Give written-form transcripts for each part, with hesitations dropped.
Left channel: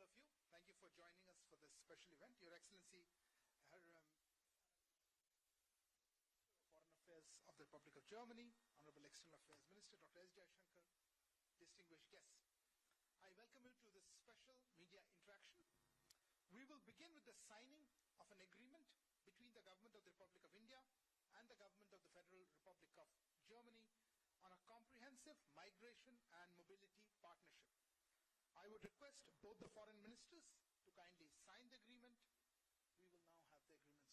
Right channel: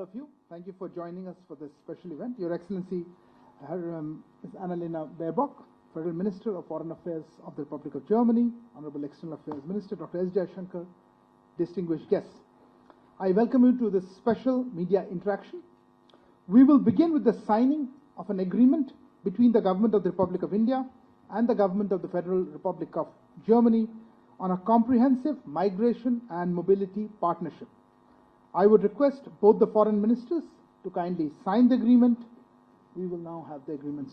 all of you. Thank you for joining us for this special event. Your Excellency, Ms. Annalena Baerbock, Federal Minister of Foreign Affairs of the Republic of Germany, Honorable External Affairs Minister Dr. Jaishankar, distinguished guests. I welcome you to this special media interaction. We will begin with the signing of an agreement between the Government of the Republic of India and the Government of the Federal Republic of Germany on a comprehensive migration and mobility partnership. I would request both the foreign ministers to kindly sign the agreement. We will now have the agreements.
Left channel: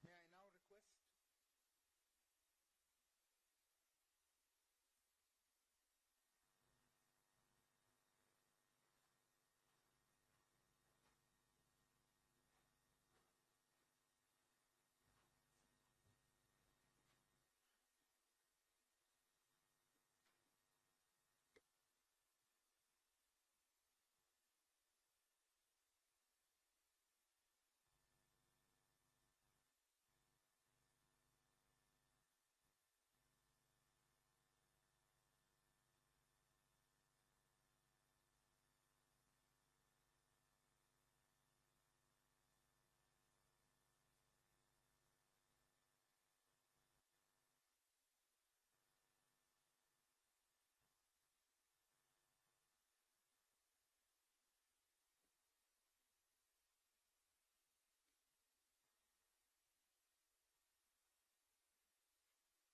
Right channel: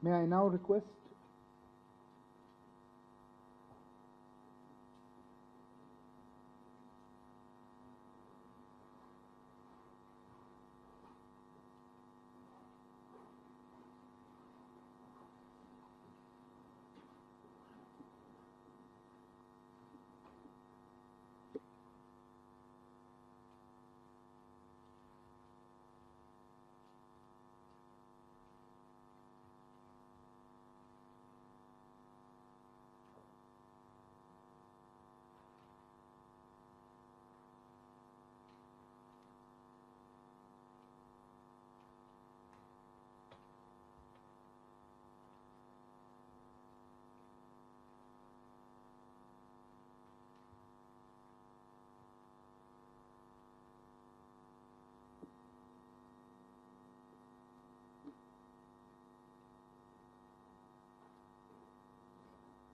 May I now request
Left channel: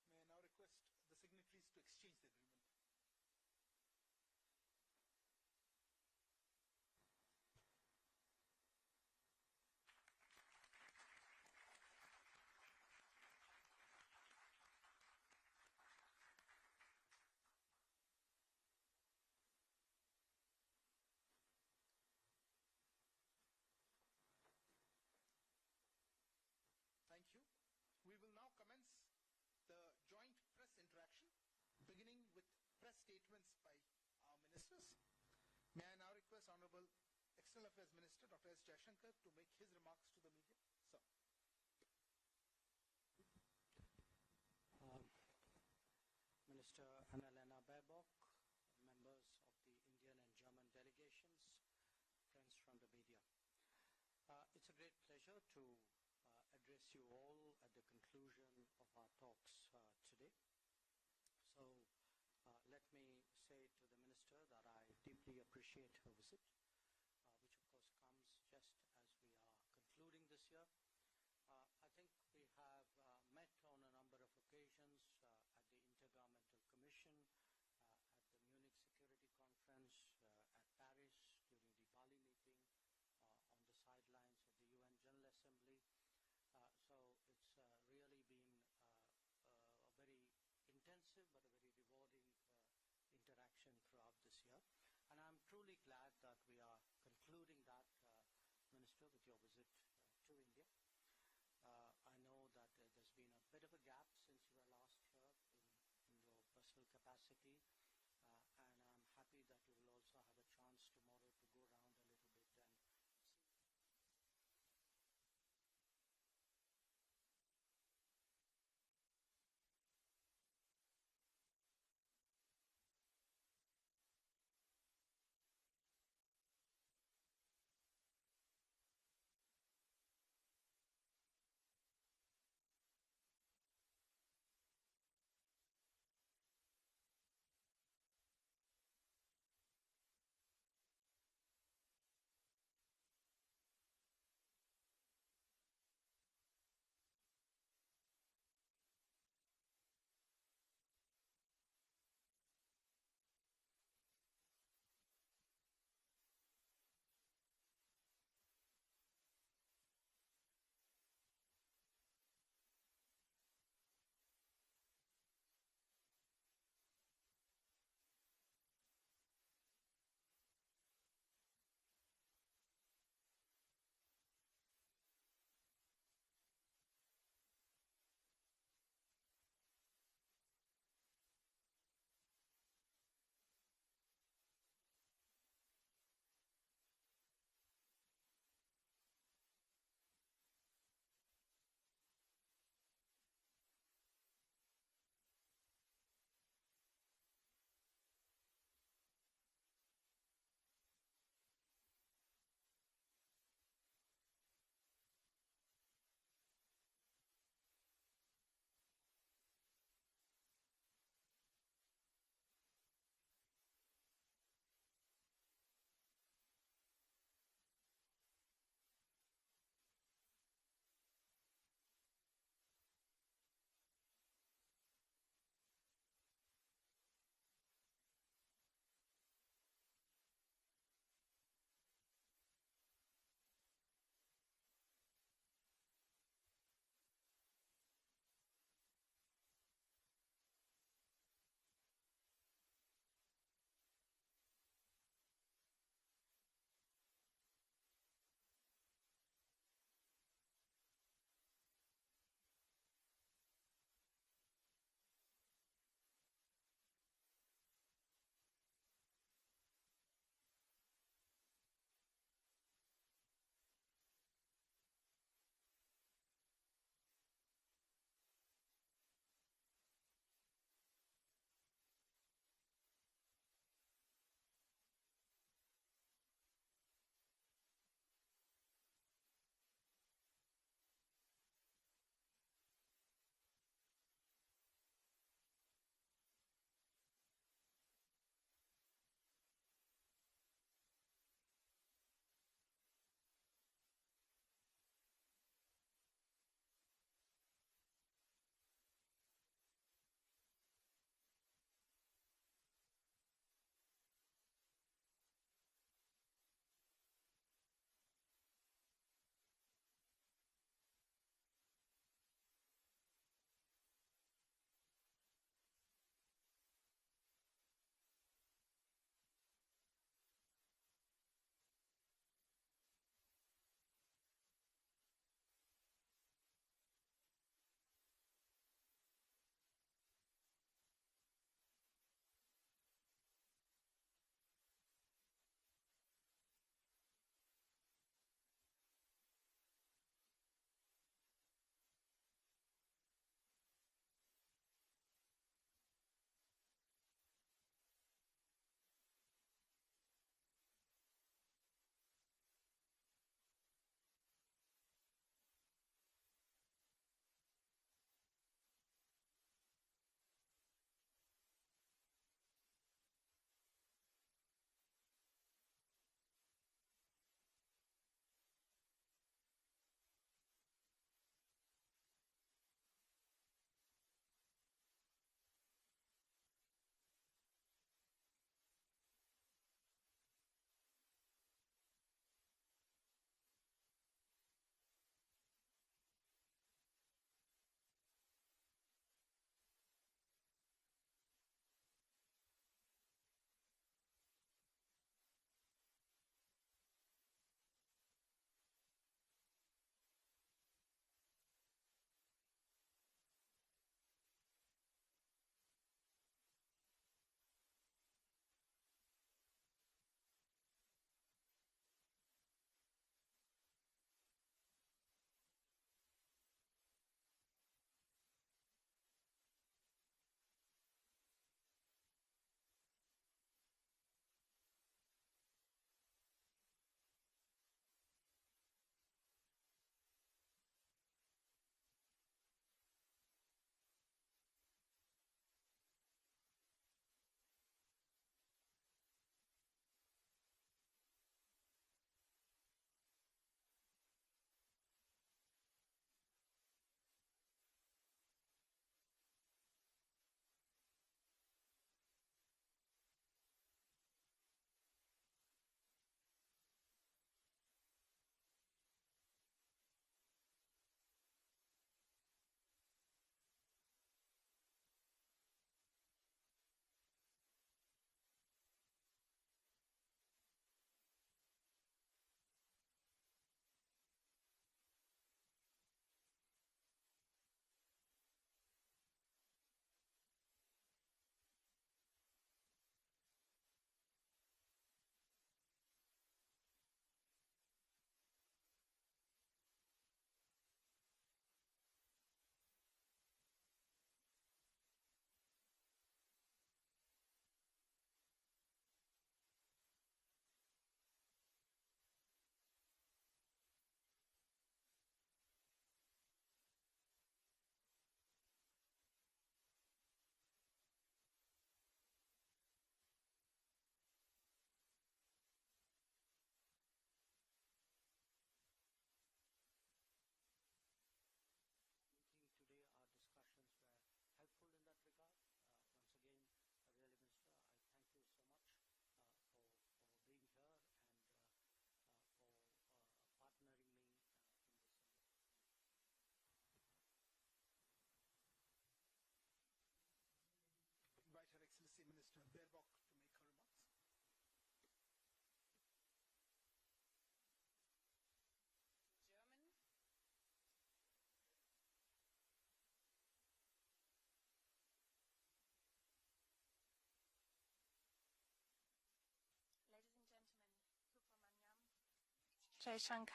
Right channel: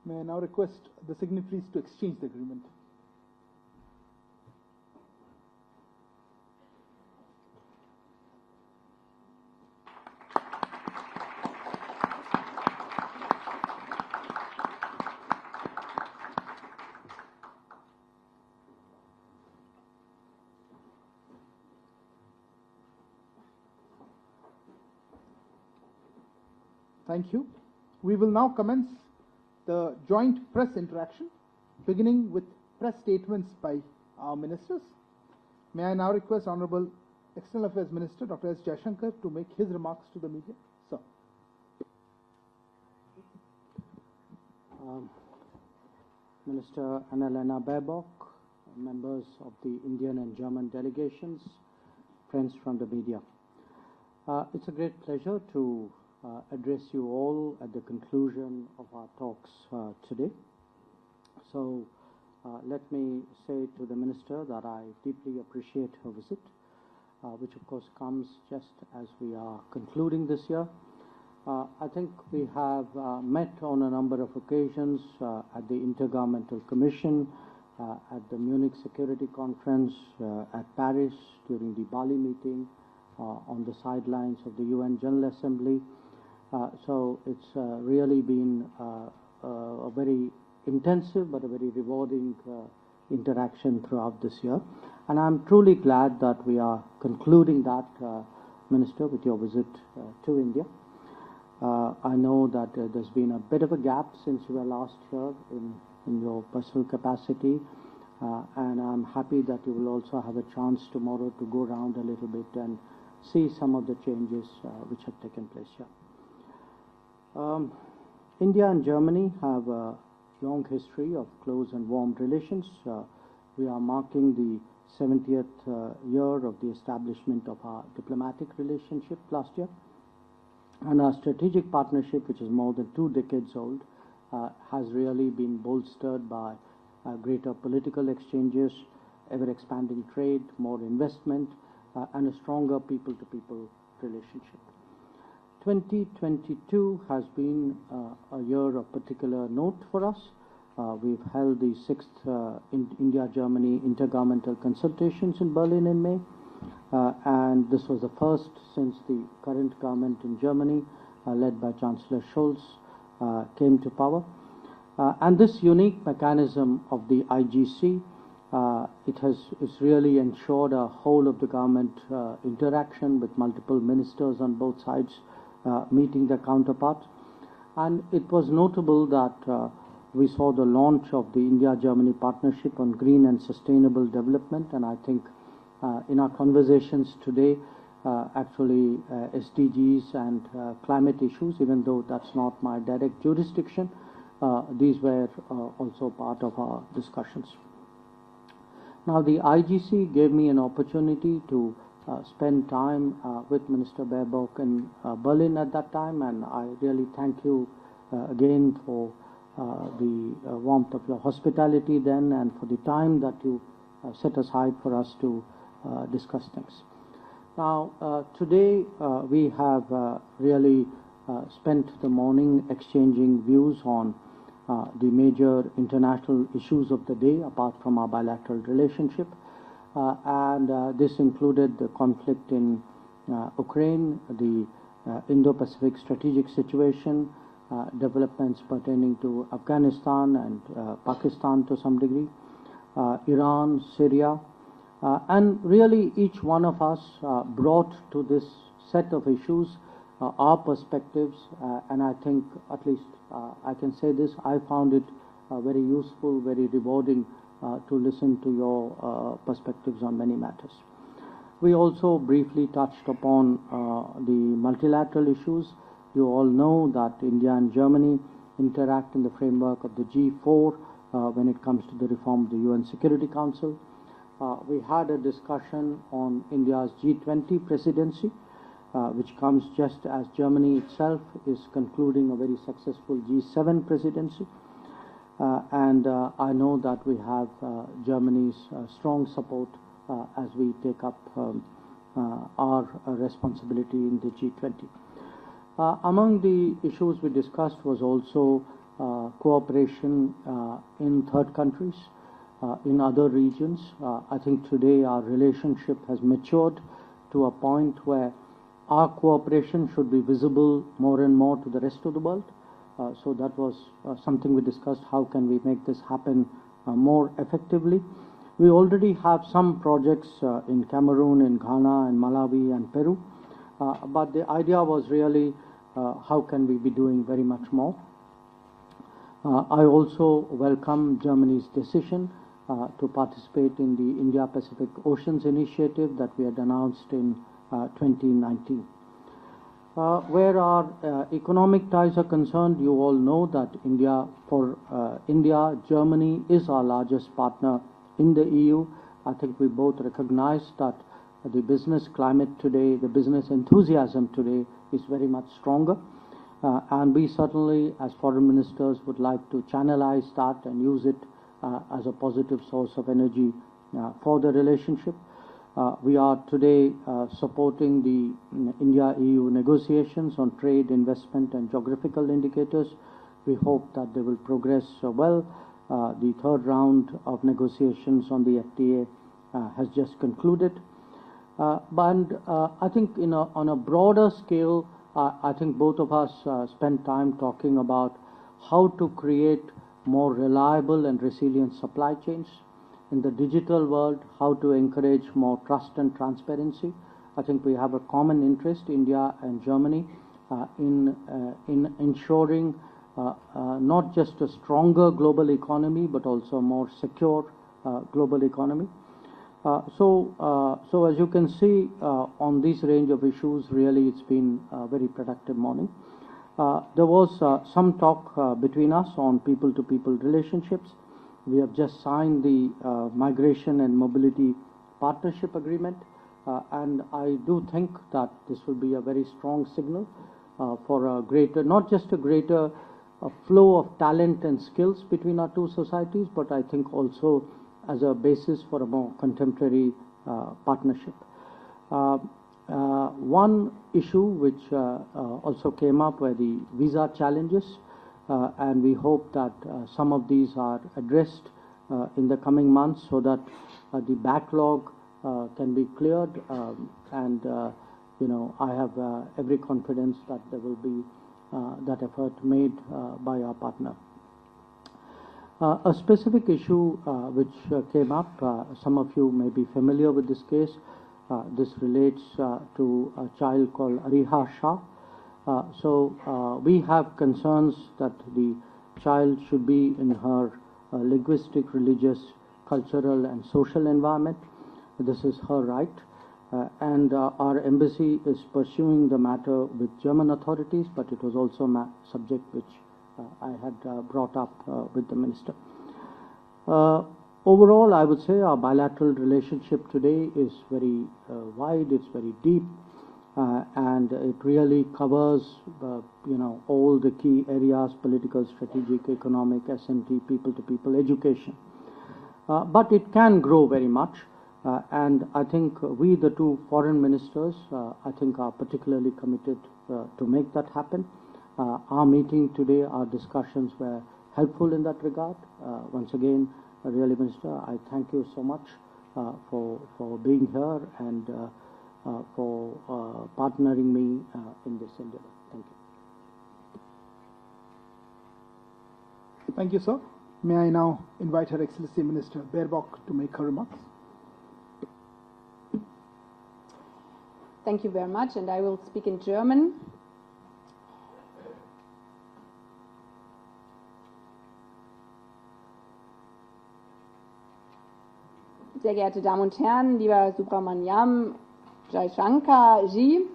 May I now request the signatories to exchange the agreement. Thank you. We will now commence the joint press interaction, beginning with press statements by our ministers. May I now request Honorable External Affairs Minister Dr. Jaishankar to make his remarks to the media. Sir. Minister Annalena Baerbock, members of the Indian and German delegations, friends from the media. It's a great pleasure to address you all at the conclusion of our talks today. So let me say to the Minister that I deeply appreciate her visit, which of course comes just as we are concluding this year. I think we have met on a number of occasions at the Intergovernmental Commission, at the Munich Security Conference, at Paris during the Bali meeting, on the sidelines of the UN General Assembly. So it's really been a very intensive but a very rewarding interaction throughout this year. And I'm truly glad that we are concluding that, Minister, with your visit to India. I know that there's been a bit of a gap since you were last here in your personal capacity, and I'm happy that you will also have a chance tomorrow to go around a little bit and see some of the changes which have taken place here. India and Germany have a long history of close and warm relations. We are marking the 70th year of the establishment of our diplomatic relationship last year. And our strategic partnership, which is more than 2 decades old, has really been bolstered by greater political exchanges, ever-expanding trade, more investment, and a stronger people-to-people relationship. 2022 has been a year of particular note for us. We've held the 6th India-Germany intergovernmental consultations in Berlin in May, and this was the first since the current government in Germany led by Chancellor Scholz, came to power. And this unique mechanism of the IGC, it's really ensured a whole of the government interaction with multiple ministers on both sides meeting their counterparts. And it was notable that we saw the launch of the India-Germany partnership on green and sustainable development, and I think in our conversations today, actually SDGs and climate issues, even though that's not my direct jurisdiction, these were also part of our discussions. Now, the IGC gave me an opportunity to spend time with Minister Baerbock in Berlin at that time, and I really thank you again for the warmth of your hospitality then and for the time that you set aside for us to discuss things. Now, today we have really spent the morning exchanging views on the major international issues of the day apart from our bilateral relationship, and this included the conflict in Ukraine, the Indo-Pacific strategic situation, developments pertaining to Afghanistan and Pakistan to some degree, Iran, Syria, and really each one of us brought to this set of issues our perspectives, and I think at least I can say this, I found it very useful, very rewarding to listen to your perspectives on many matters. We also briefly touched upon the multilateral issues. You all know that India and Germany interact in the framework of the G4 when it comes to the reform of the UN Security Council. We had a discussion on India's G20 presidency, which comes just as Germany itself is concluding a very successful G7 presidency. And I know that we have Germany's strong support as we take up our responsibility in the G20. Among the issues we discussed was also cooperation in third countries, in other regions. I think today our relationship has matured to a point where our cooperation should be visible more and more to the rest of the world. So that was something we discussed. How can we make this happen more effectively? We already have some projects in Cameroon, in Ghana, in Malawi, and Peru. But the idea was really how can we be doing very much more. I also welcome Germany's decision to participate in the India-Pacific Oceans Initiative that we had announced in 2019. Where our economic ties are concerned, you all know that India, Germany is our largest partner in the EU. I think we both recognize that the business climate today, the business enthusiasm today is very much stronger. And we certainly, as foreign ministers, would like to channelize that and use it as a positive source of energy for the relationship. We are today supporting the India-EU negotiations on trade, investment, and geographical indicators. We hope that they will progress well. The third round of negotiations on the FTA has just concluded. But I think on a broader scale, I think both of us spent time talking about how to create more reliable and resilient supply chains. In the digital world, how to encourage more trust and transparency. I think we have a common interest, India and Germany, in ensuring not just a stronger global economy, but also a more secure global economy. So as you can see, on this range of issues, really it's been a very productive morning. There was some talk between us on people-to-people relationships. We have just signed the Migration and Mobility Partnership Agreement, and I do think that this will be a very strong signal for a greater, not just a greater flow of talent and skills between our two societies, but I think also as a basis for a more contemporary partnership. One issue which also came up were the visa challenges. And we hope that some of these are addressed in the coming months so that the backlog can be cleared and I have every confidence that there will be that effort made by our partner. A specific issue which came up, some of you may be familiar with this case. This relates to a child called Ariha Shah. We have concerns that the child should be in her linguistic, religious, cultural and social environment. This is her right. And our embassy is pursuing the matter with German authorities, but it was also a subject which I had brought up with the minister. Overall, I would say our bilateral relationship today is very wide, it's very deep, and it really covers, all the key areas: political, strategic, economic, S&T, people-to-people, education. But it can grow very much. And I think we, the two foreign ministers, I think are particularly committed to make that happen. Our meeting today, our discussions were helpful in that regard. Once again, really, Minister, I thank you so much for being here and for partnering me in this endeavor. Thank you. Thank you, sir. May I now invite Her Excellency Minister Baerbock to make her remarks. Thank you very much, and I will speak in German. Sehr geehrte Damen und Herren, lieber Subramaniam Jaishankar Ji,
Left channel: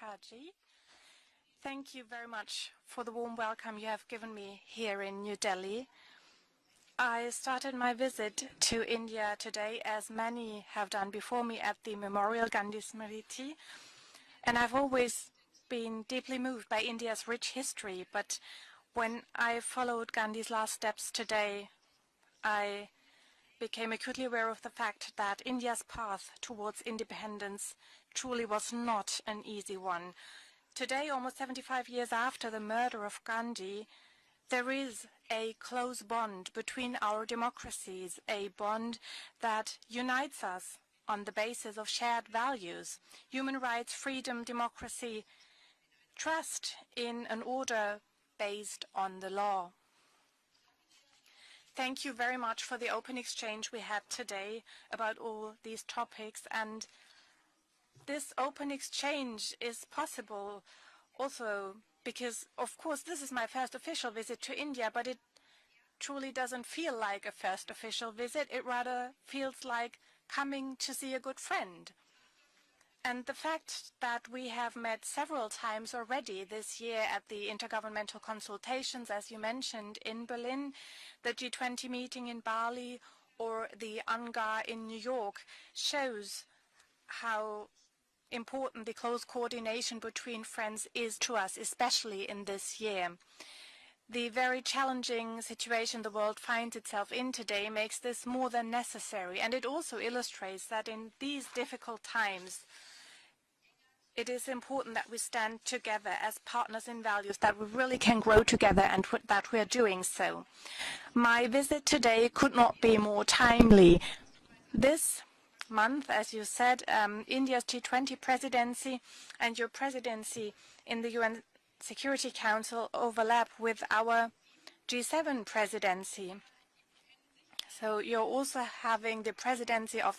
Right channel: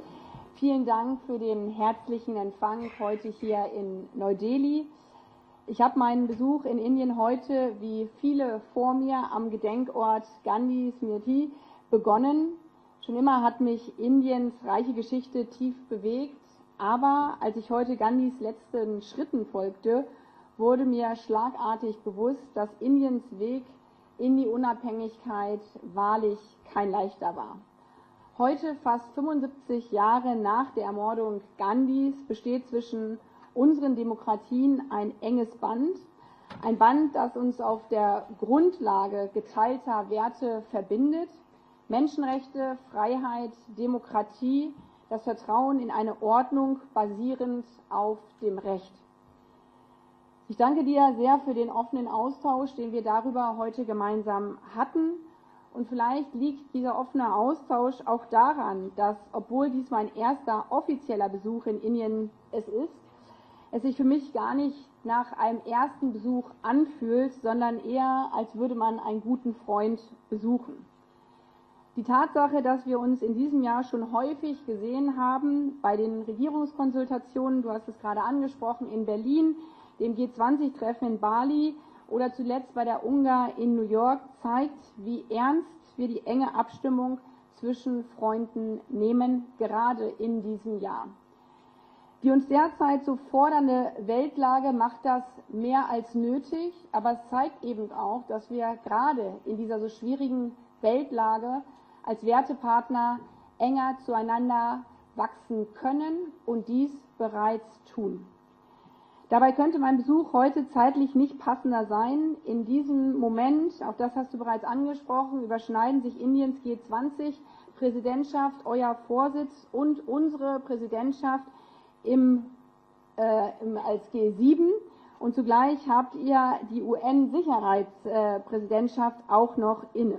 vielen Dank für den herzlichen Empfang heute hier in Neu-Delhi. Ich habe meinen Besuch in Indien heute, wie viele vor mir, am Gedenkort Gandhi begonnen. Schon immer hat mich Indiens reiche Geschichte tief bewegt, aber als ich heute Gandhis letzten Schritten folgte, wurde mir schlagartig bewusst, dass Indiens Weg in die Unabhängigkeit wahrlich kein leichter war. Heute, fast 75 Jahre nach der Ermordung Gandhis, besteht zwischen unseren Demokratien ein enges Band. Ein Band, das uns auf der Grundlage geteilter Werte verbindet. Menschenrechte, Freiheit, Demokratie, das Vertrauen in eine Ordnung basierend auf dem Recht. Ich danke dir sehr für den offenen Austausch, den wir darüber heute gemeinsam hatten. Und vielleicht liegt dieser offene Austausch auch daran, dass, obwohl dies mein erster offizieller Besuch in Indien ist, es sich für mich gar nicht nach einem ersten Besuch anfühlt, sondern eher, als würde man einen guten Freund besuchen. Die Tatsache, dass wir uns in diesem Jahr schon häufig gesehen haben, bei den Regierungskonsultationen, du hast es gerade angesprochen, in Berlin, dem G20-Treffen in Bali oder zuletzt bei der UNGA in New York, zeigt, wie ernst wir die enge Abstimmung zwischen Freunden nehmen, gerade in diesem Jahr. Die uns derzeit so fordernde Weltlage macht das mehr als nötig, aber es zeigt eben auch, dass wir gerade in dieser so schwierigen Weltlage als Wertepartner enger zueinander wachsen können und dies bereits tun. Dabei könnte mein Besuch heute zeitlich nicht passender sein. In diesem Moment, das hast du bereits angesprochen, überschneiden sich Indiens G20-Präsidentschaft, euer Vorsitz und unsere Präsidentschaft Security Council with our G7 und zugleich habt ihr die UN-Sicherheitspräsidentschaft auch noch inne.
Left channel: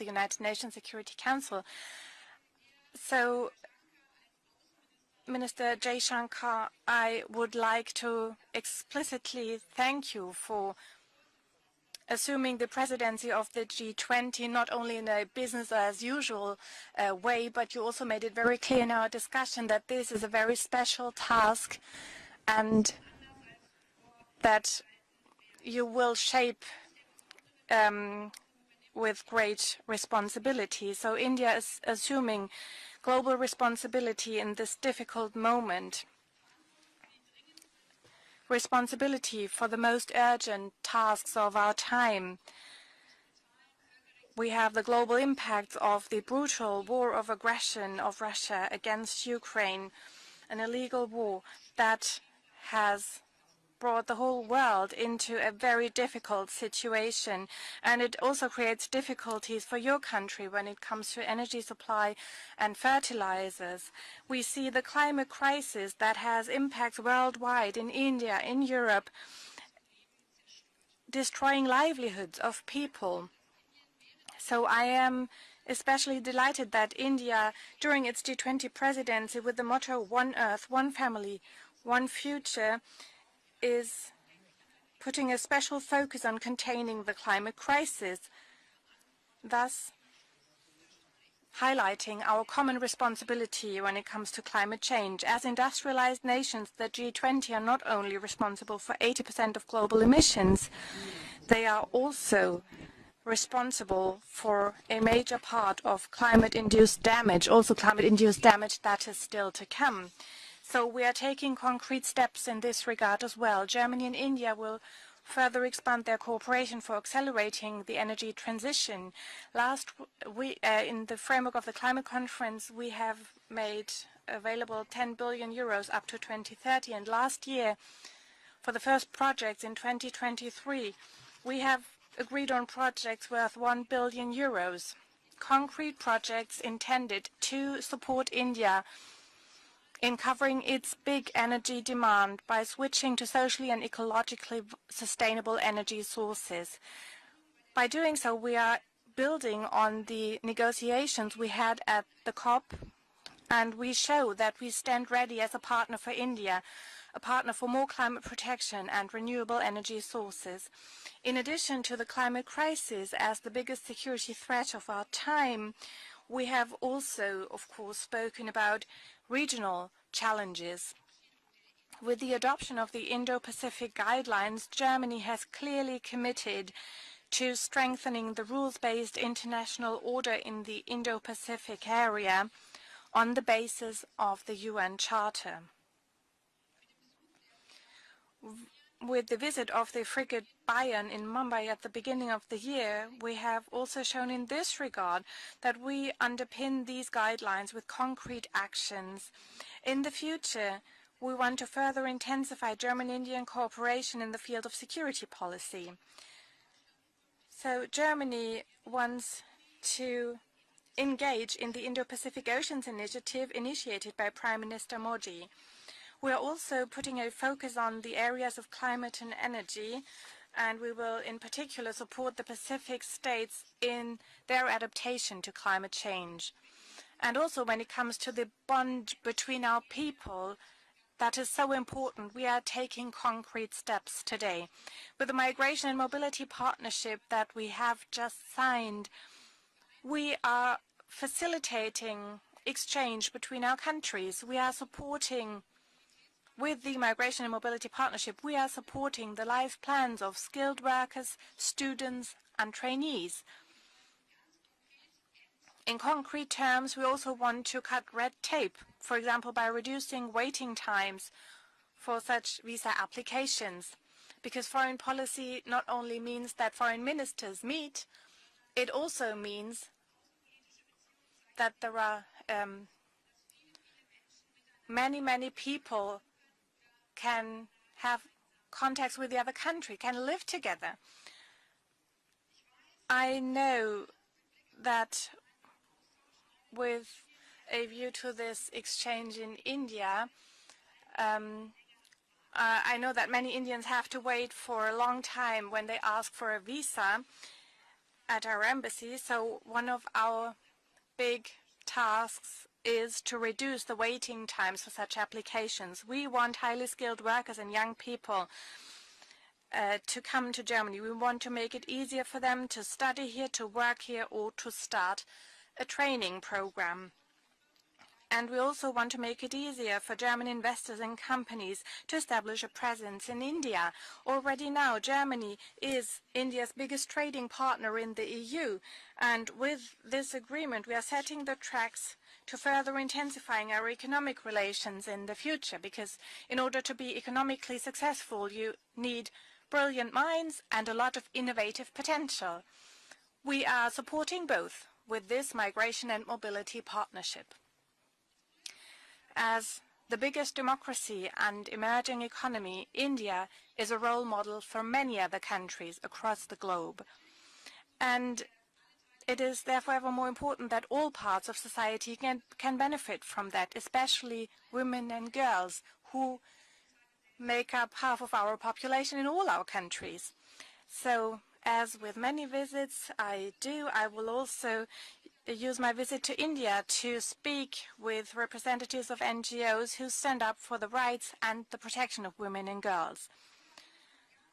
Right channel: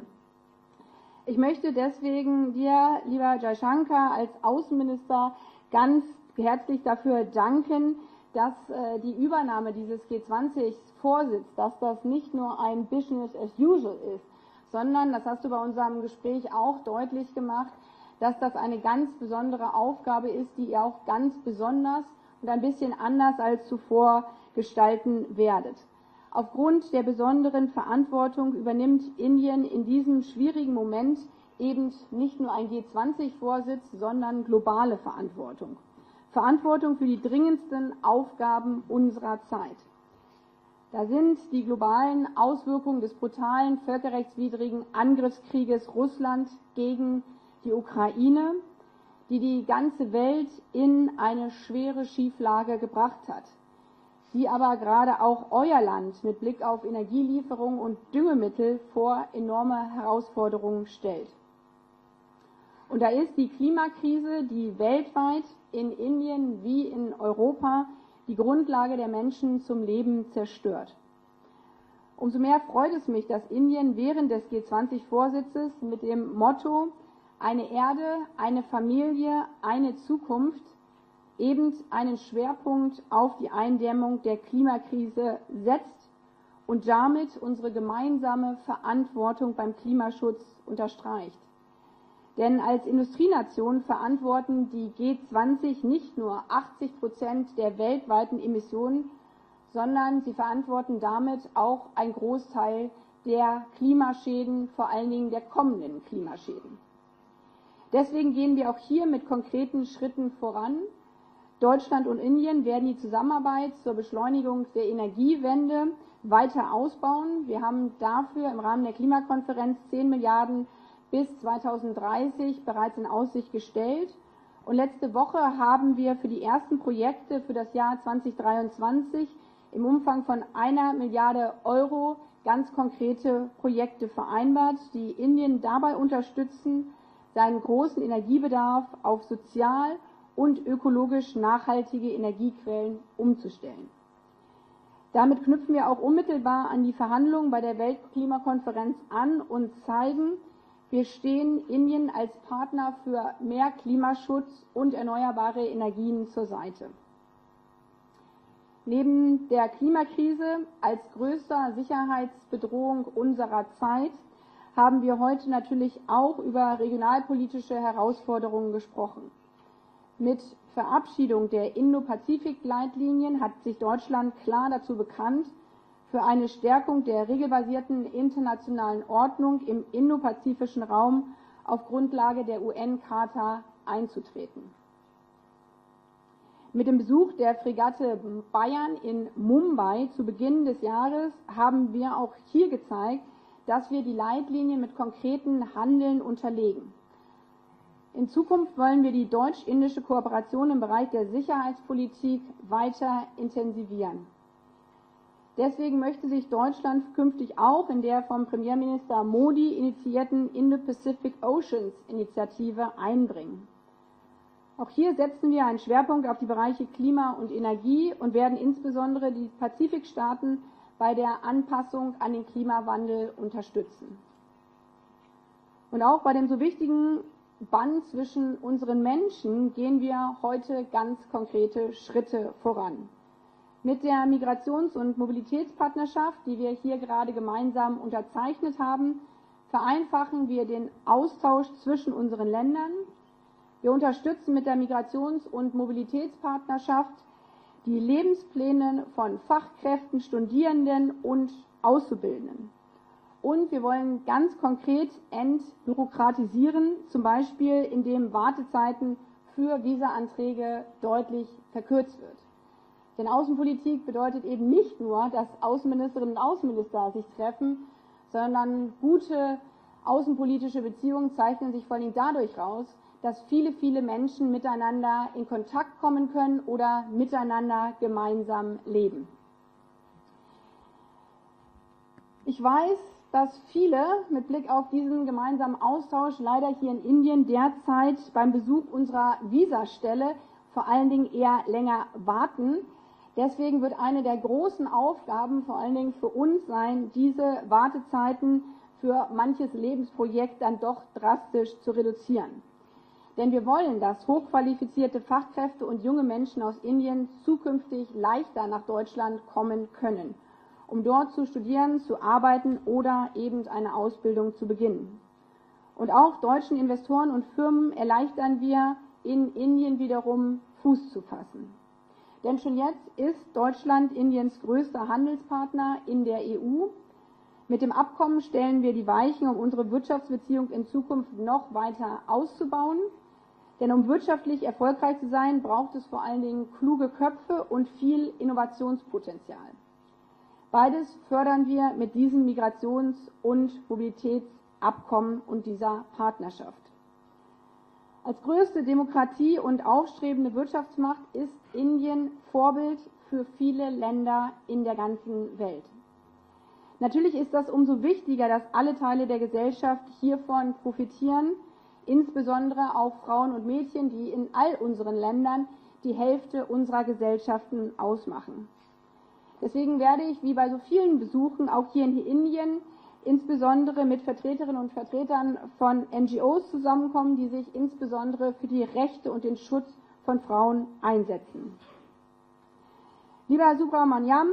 Ich möchte deswegen dir, lieber Jaishankar, als Außenminister ganz herzlich dafür danken, dass die Übernahme dieses G20-Vorsitz, dass das nicht nur ein Business as usual ist, sondern, das hast du bei unserem Gespräch auch deutlich gemacht, dass das eine ganz besondere Aufgabe ist, die ihr auch ganz besonders und ein bisschen anders als zuvor gestalten werdet. Aufgrund der besonderen Verantwortung übernimmt Indien in diesem schwierigen Moment eben nicht nur ein G20-Vorsitz, sondern globale Verantwortung. Verantwortung für die dringendsten Aufgaben unserer Zeit. Da sind die globalen Auswirkungen des brutalen völkerrechtswidrigen Angriffskrieges Russlands gegen die Ukraine, die die ganze Welt in eine schwere Schieflage gebracht hat, die aber gerade auch euer Land mit Blick auf Energielieferungen und Düngemittel vor enorme Herausforderungen stellt. and Und da ist die fertilizers. Klimakrise, We see die the climate weltweit crisis in that has Indien wie impact in worldwide, Europa in die India, in Grundlage der Europe, Menschen zum Leben zerstört. destroying livelihoods Umso mehr of freut es people. mich, dass Indien während des So I am G20-Vorsitzes mit especially dem delighted Motto that India, eine during Erde, its eine G20 presidency, Familie, with the eine motto One Zukunft Earth, One Family, eben One einen Future, Schwerpunkt auf die Eindämmung der putting Klimakrise a special setzt focus on und containing the damit climate unsere crisis, gemeinsame Verantwortung beim thus Klimaschutz unterstreicht. highlighting our Denn common als responsibility Industrienation when it comes to verantworten climate die change. As G20 nicht industrialized nur nations, the 80% G20 are der not only weltweiten responsible for Emissionen, 80% of global sondern sie emissions, verantworten damit they are auch einen also Großteil der responsible Klimaschäden, for vor a allen Dingen major der part kommenden of Klimaschäden. climate-induced damage, also Deswegen climate-induced gehen wir damage auch that hier is mit still to konkreten come. Schritten voran. So we are taking concrete Deutschland und steps in Indien this werden die regard as well. Zusammenarbeit zur Germany and India Beschleunigung will der further Energiewende expand their weiter cooperation for ausbauen. Wir accelerating haben the energy dafür im Rahmen der transition. Klimakonferenz 10 Milliarden In the bis framework of the climate 2030 conference, we bereits in have Aussicht made gestellt. Und available letzte 10 Woche billion euros haben up wir to für die ersten 2030, and Projekte last für year, das Jahr for the first 2023 projects in im Umfang von 1 2023, Milliarde we have Euro agreed on ganz projects konkrete worth 1 Projekte billion vereinbart, euros. die Indien dabei Concrete projects unterstützen, intended seinen to großen support Energiebedarf India auf sozial in covering und its ökologisch big energy nachhaltige demand by Energiequellen switching to socially and umzustellen. ecologically Damit sustainable knüpfen wir auch energy unmittelbar sources. an die Verhandlungen bei der By doing so, we are Weltklimakonferenz an building und on zeigen, the wir negotiations we stehen had at Indien the als COP, Partner für mehr and we show Klimaschutz that we und stand ready as a erneuerbare partner for Energien zur India, Seite. a partner for more climate protection and Neben renewable der energy Klimakrise sources. als In größter addition to the climate Sicherheitsbedrohung crisis as the unserer biggest Zeit security threat of haben our wir heute time, natürlich auch we über have also, of regionalpolitische course, spoken Herausforderungen about gesprochen. regional Mit challenges. Verabschiedung der With the adoption of the Indo-Pazifik-Leitlinien hat sich Indo-Pacific Deutschland klar guidelines, dazu Germany has bekannt, clearly für eine committed Stärkung der to regelbasierten strengthening the internationalen rules-based Ordnung im international order in the indopazifischen Raum auf Indo-Pacific Grundlage area der on the UN-Charta basis of the einzutreten. UN Charter. Mit dem Besuch der Fregatte Bayern in With the visit of Mumbai the zu frigate Beginn des Bayern in Jahres Mumbai at the haben wir beginning auch of the hier year, gezeigt, we have dass wir also die shown in this Leitlinien mit regard konkreten that we Handeln underpin unterlegen. these guidelines with In concrete Zukunft wollen wir die actions. deutsch-indische In the Kooperation future, im Bereich der we want to further Sicherheitspolitik intensify weiter German-Indian cooperation intensivieren. in the field of security policy. Deswegen möchte sich Deutschland künftig So auch in der Germany vom Premierminister wants Modi to initiierten Indo-Pacific engage in the Oceans Indo-Pacific Initiative Oceans Initiative einbringen. initiated by Prime Auch Minister hier Modi. setzen wir einen Schwerpunkt We auf are die Bereiche also putting Klima a und focus on Energie the und areas werden of climate insbesondere and die energy, Pazifikstaaten and we will bei der in particular Anpassung an support the den Pacific Klimawandel states in unterstützen. their adaptation to climate Und auch bei dem change. so wichtigen And also when it Band comes to the zwischen unseren bond between Menschen our gehen wir people, heute ganz that is so konkrete important. Schritte We are voran. taking concrete Mit steps der today. Migrations- und With the Migration and Mobilitätspartnerschaft, Mobility die wir hier Partnership gerade that we gemeinsam have just unterzeichnet signed, haben, we vereinfachen wir are den Austausch zwischen facilitating unseren Ländern. exchange between our Wir countries. unterstützen We mit are der Migrations- supporting und with the Mobilitätspartnerschaft Migration and Mobility die Partnership, we are Lebenspläne supporting von the life Fachkräften, plans of skilled Studierenden workers, und students Auszubildenden. and trainees. Und wir wollen ganz konkret In concrete entbürokratisieren, terms, we zum also want to Beispiel cut indem red tape, Wartezeiten for example, by für reducing waiting Visaanträge times deutlich verkürzt for werden. such visa Denn applications. Außenpolitik bedeutet Because eben foreign nicht nur, dass policy not only Außenministerinnen und means that foreign Außenminister sich ministers treffen, meet, sondern it also gute means außenpolitische Beziehungen zeichnen that sich there vor allem are, dadurch aus, dass viele Menschen miteinander many in Kontakt people kommen können oder can miteinander have gemeinsam contacts leben. with the other country, can live together. Ich weiß, I dass know viele mit Blick auf that diesen gemeinsamen Austausch leider hier in with Indien a view derzeit to beim this Besuch unserer exchange in Visastelle India, vor allen Dingen eher länger warten. I know that many Deswegen Indians wird have eine to der wait for großen a long Aufgaben time vor when allen they Dingen für ask for a uns sein, visa diese at Wartezeiten our embassy. für So manches one of Lebensprojekt our dann doch big drastisch zu reduzieren. tasks is to Denn wir reduce the wollen, dass waiting times for such hochqualifizierte Fachkräfte und applications. junge We want Menschen aus highly skilled Indien workers and young zukünftig people leichter nach Deutschland kommen to können, come to Germany. um We dort want zu to make it studieren, easier zu for them arbeiten to study oder here, to eben eine work here, or Ausbildung to zu beginnen. start a Und training auch deutschen program. Investoren und Firmen erleichtern And we also wir, want to make in it easier Indien for German wiederum investors Fuß and zu fassen. companies to Denn establish a schon jetzt presence in ist India. Deutschland Indiens Already now, größter Germany Handelspartner is in der India's EU. biggest trading Mit partner dem in the Abkommen stellen wir die Weichen, And um unsere with this Wirtschaftsbeziehungen in agreement, we are Zukunft setting the noch tracks weiter to further auszubauen. intensifying our Denn um economic wirtschaftlich relations erfolgreich in zu the sein, future, braucht es because vor allen in Dingen order to kluge be Köpfe economically und viel successful, you need Innovationspotenzial. brilliant minds and a Beides lot of fördern wir innovative mit diesem potential. Migrations- We und are supporting both with Mobilitätsabkommen this und dieser migration and Partnerschaft. mobility partnership. Als größte Demokratie As und the aufstrebende biggest Wirtschaftsmacht democracy ist and emerging Indien economy, Vorbild für India viele is a role Länder model for in der many ganzen other Welt. countries across the globe. Natürlich ist das umso And wichtiger, dass alle Teile der it is therefore Gesellschaft ever more important hiervon that all parts profitieren, of society can insbesondere auch benefit Frauen from und that, Mädchen, die in especially all women unseren and Ländern girls die who Hälfte unserer make Gesellschaften up half of our ausmachen. population in all our Deswegen werde countries. ich, wie bei so vielen So, Besuchen, auch as hier with in many Indien visits I do, insbesondere I mit will Vertreterinnen also und Vertretern use my von visit to NGOs India to zusammenkommen, die sich speak with insbesondere für die representatives of Rechte und den Schutz NGOs who von stand up for Frauen the rights and einsetzen. the protection of women and girls. Lieber Subramaniam,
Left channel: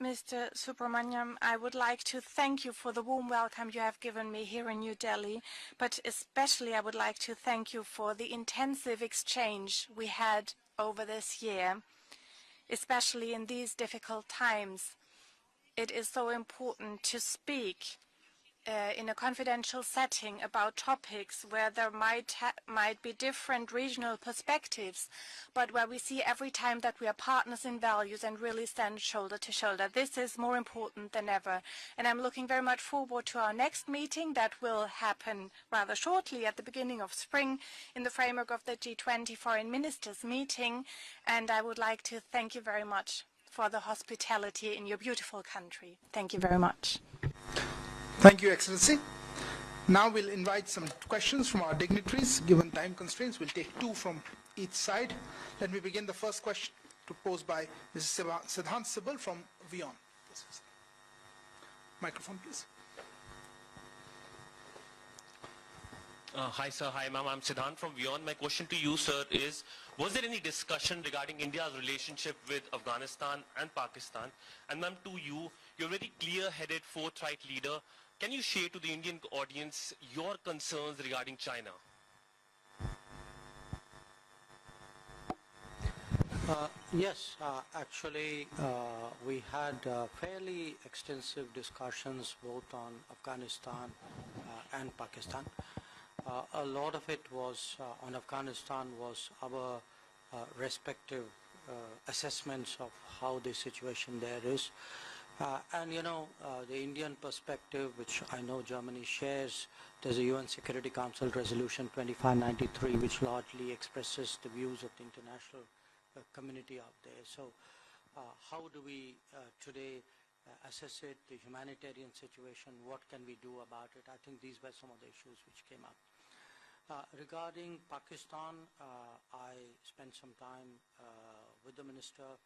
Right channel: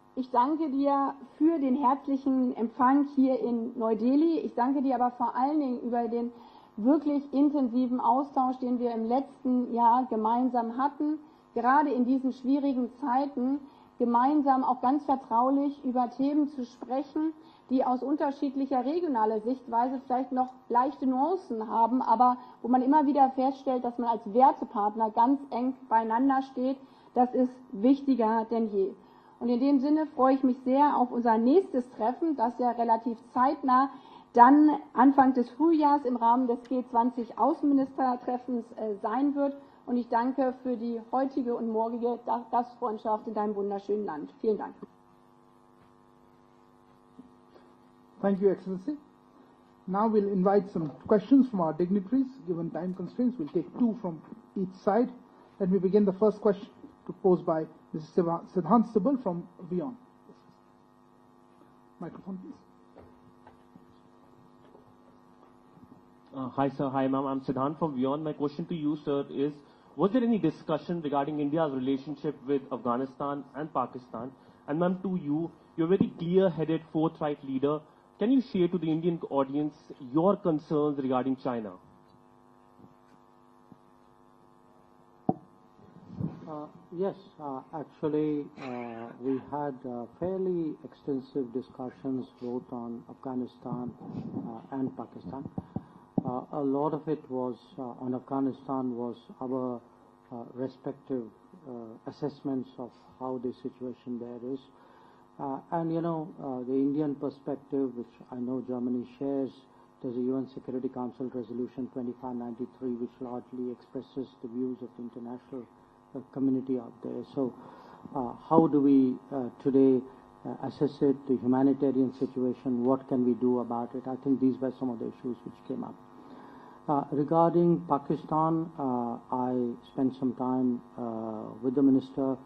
ich Mr. danke dir Subramaniam, I für would den like to herzlichen thank you for the Empfang warm hier welcome in you have given Neu-Delhi. me Ich here danke in dir New aber vor Delhi, allen Dingen but über den especially I would like wirklich to thank you intensiven for the Austausch, den wir intensive im letzten exchange Jahr we had gemeinsam over hatten, this year. gerade in diesen schwierigen Especially in Zeiten, these difficult gemeinsam auch times, ganz vertraulich it über is so Themen zu important to sprechen, speak die aus unterschiedlicher in a regionaler confidential Sichtweise vielleicht setting noch about leichte topics Nuancen where there haben, aber wo man immer might be wieder different feststellt, dass man regional als perspectives, Wertepartner ganz but eng where we see beieinander every time steht. that we are Das partners ist in values wichtiger and really denn je. stand shoulder Und to in dem shoulder. Sinne This freue is ich more mich sehr auf important than unser ever. nächstes And I'm Treffen, looking das very ja much relativ forward to our next zeitnah meeting that dann will Anfang happen des rather Frühjahrs im shortly Rahmen at des the beginning of G20 spring in the framework of Außenministertreffens the sein G20 wird. Foreign Und ich Ministers danke für meeting. die And heutige I und would like morgige to thank you very much Gastfreundschaft in deinem for the wunderschönen Land. Vielen hospitality Dank. in your beautiful country. Thank you very much. Thank you, Excellency. Now we'll invite some questions from our dignitaries. Given time constraints, we'll take two from each side. Let me begin the first question proposed by Mrs. Siddhant Sibal from WION. Microphone, please. Hi, sir. Hi, ma'am. I'm Siddhant from WION. My question to you, sir, is, was there any discussion regarding India's relationship with Afghanistan and Pakistan? And ma'am, to you, you're a very clear-headed, forthright leader. Can you share to the Indian audience your concerns regarding China? Yes, actually, we had fairly extensive discussions both on Afghanistan and Pakistan. A lot of it was on Afghanistan was our respective assessments of how the situation there is. And you know, the Indian perspective, which I know Germany shares, there's a UN Security Council Resolution 2593, which largely expresses the views of the international community out there. So how do we today assess it, the humanitarian situation, what can we do about it? I think these were some of the issues which came up. Regarding Pakistan, I spent some time with the minister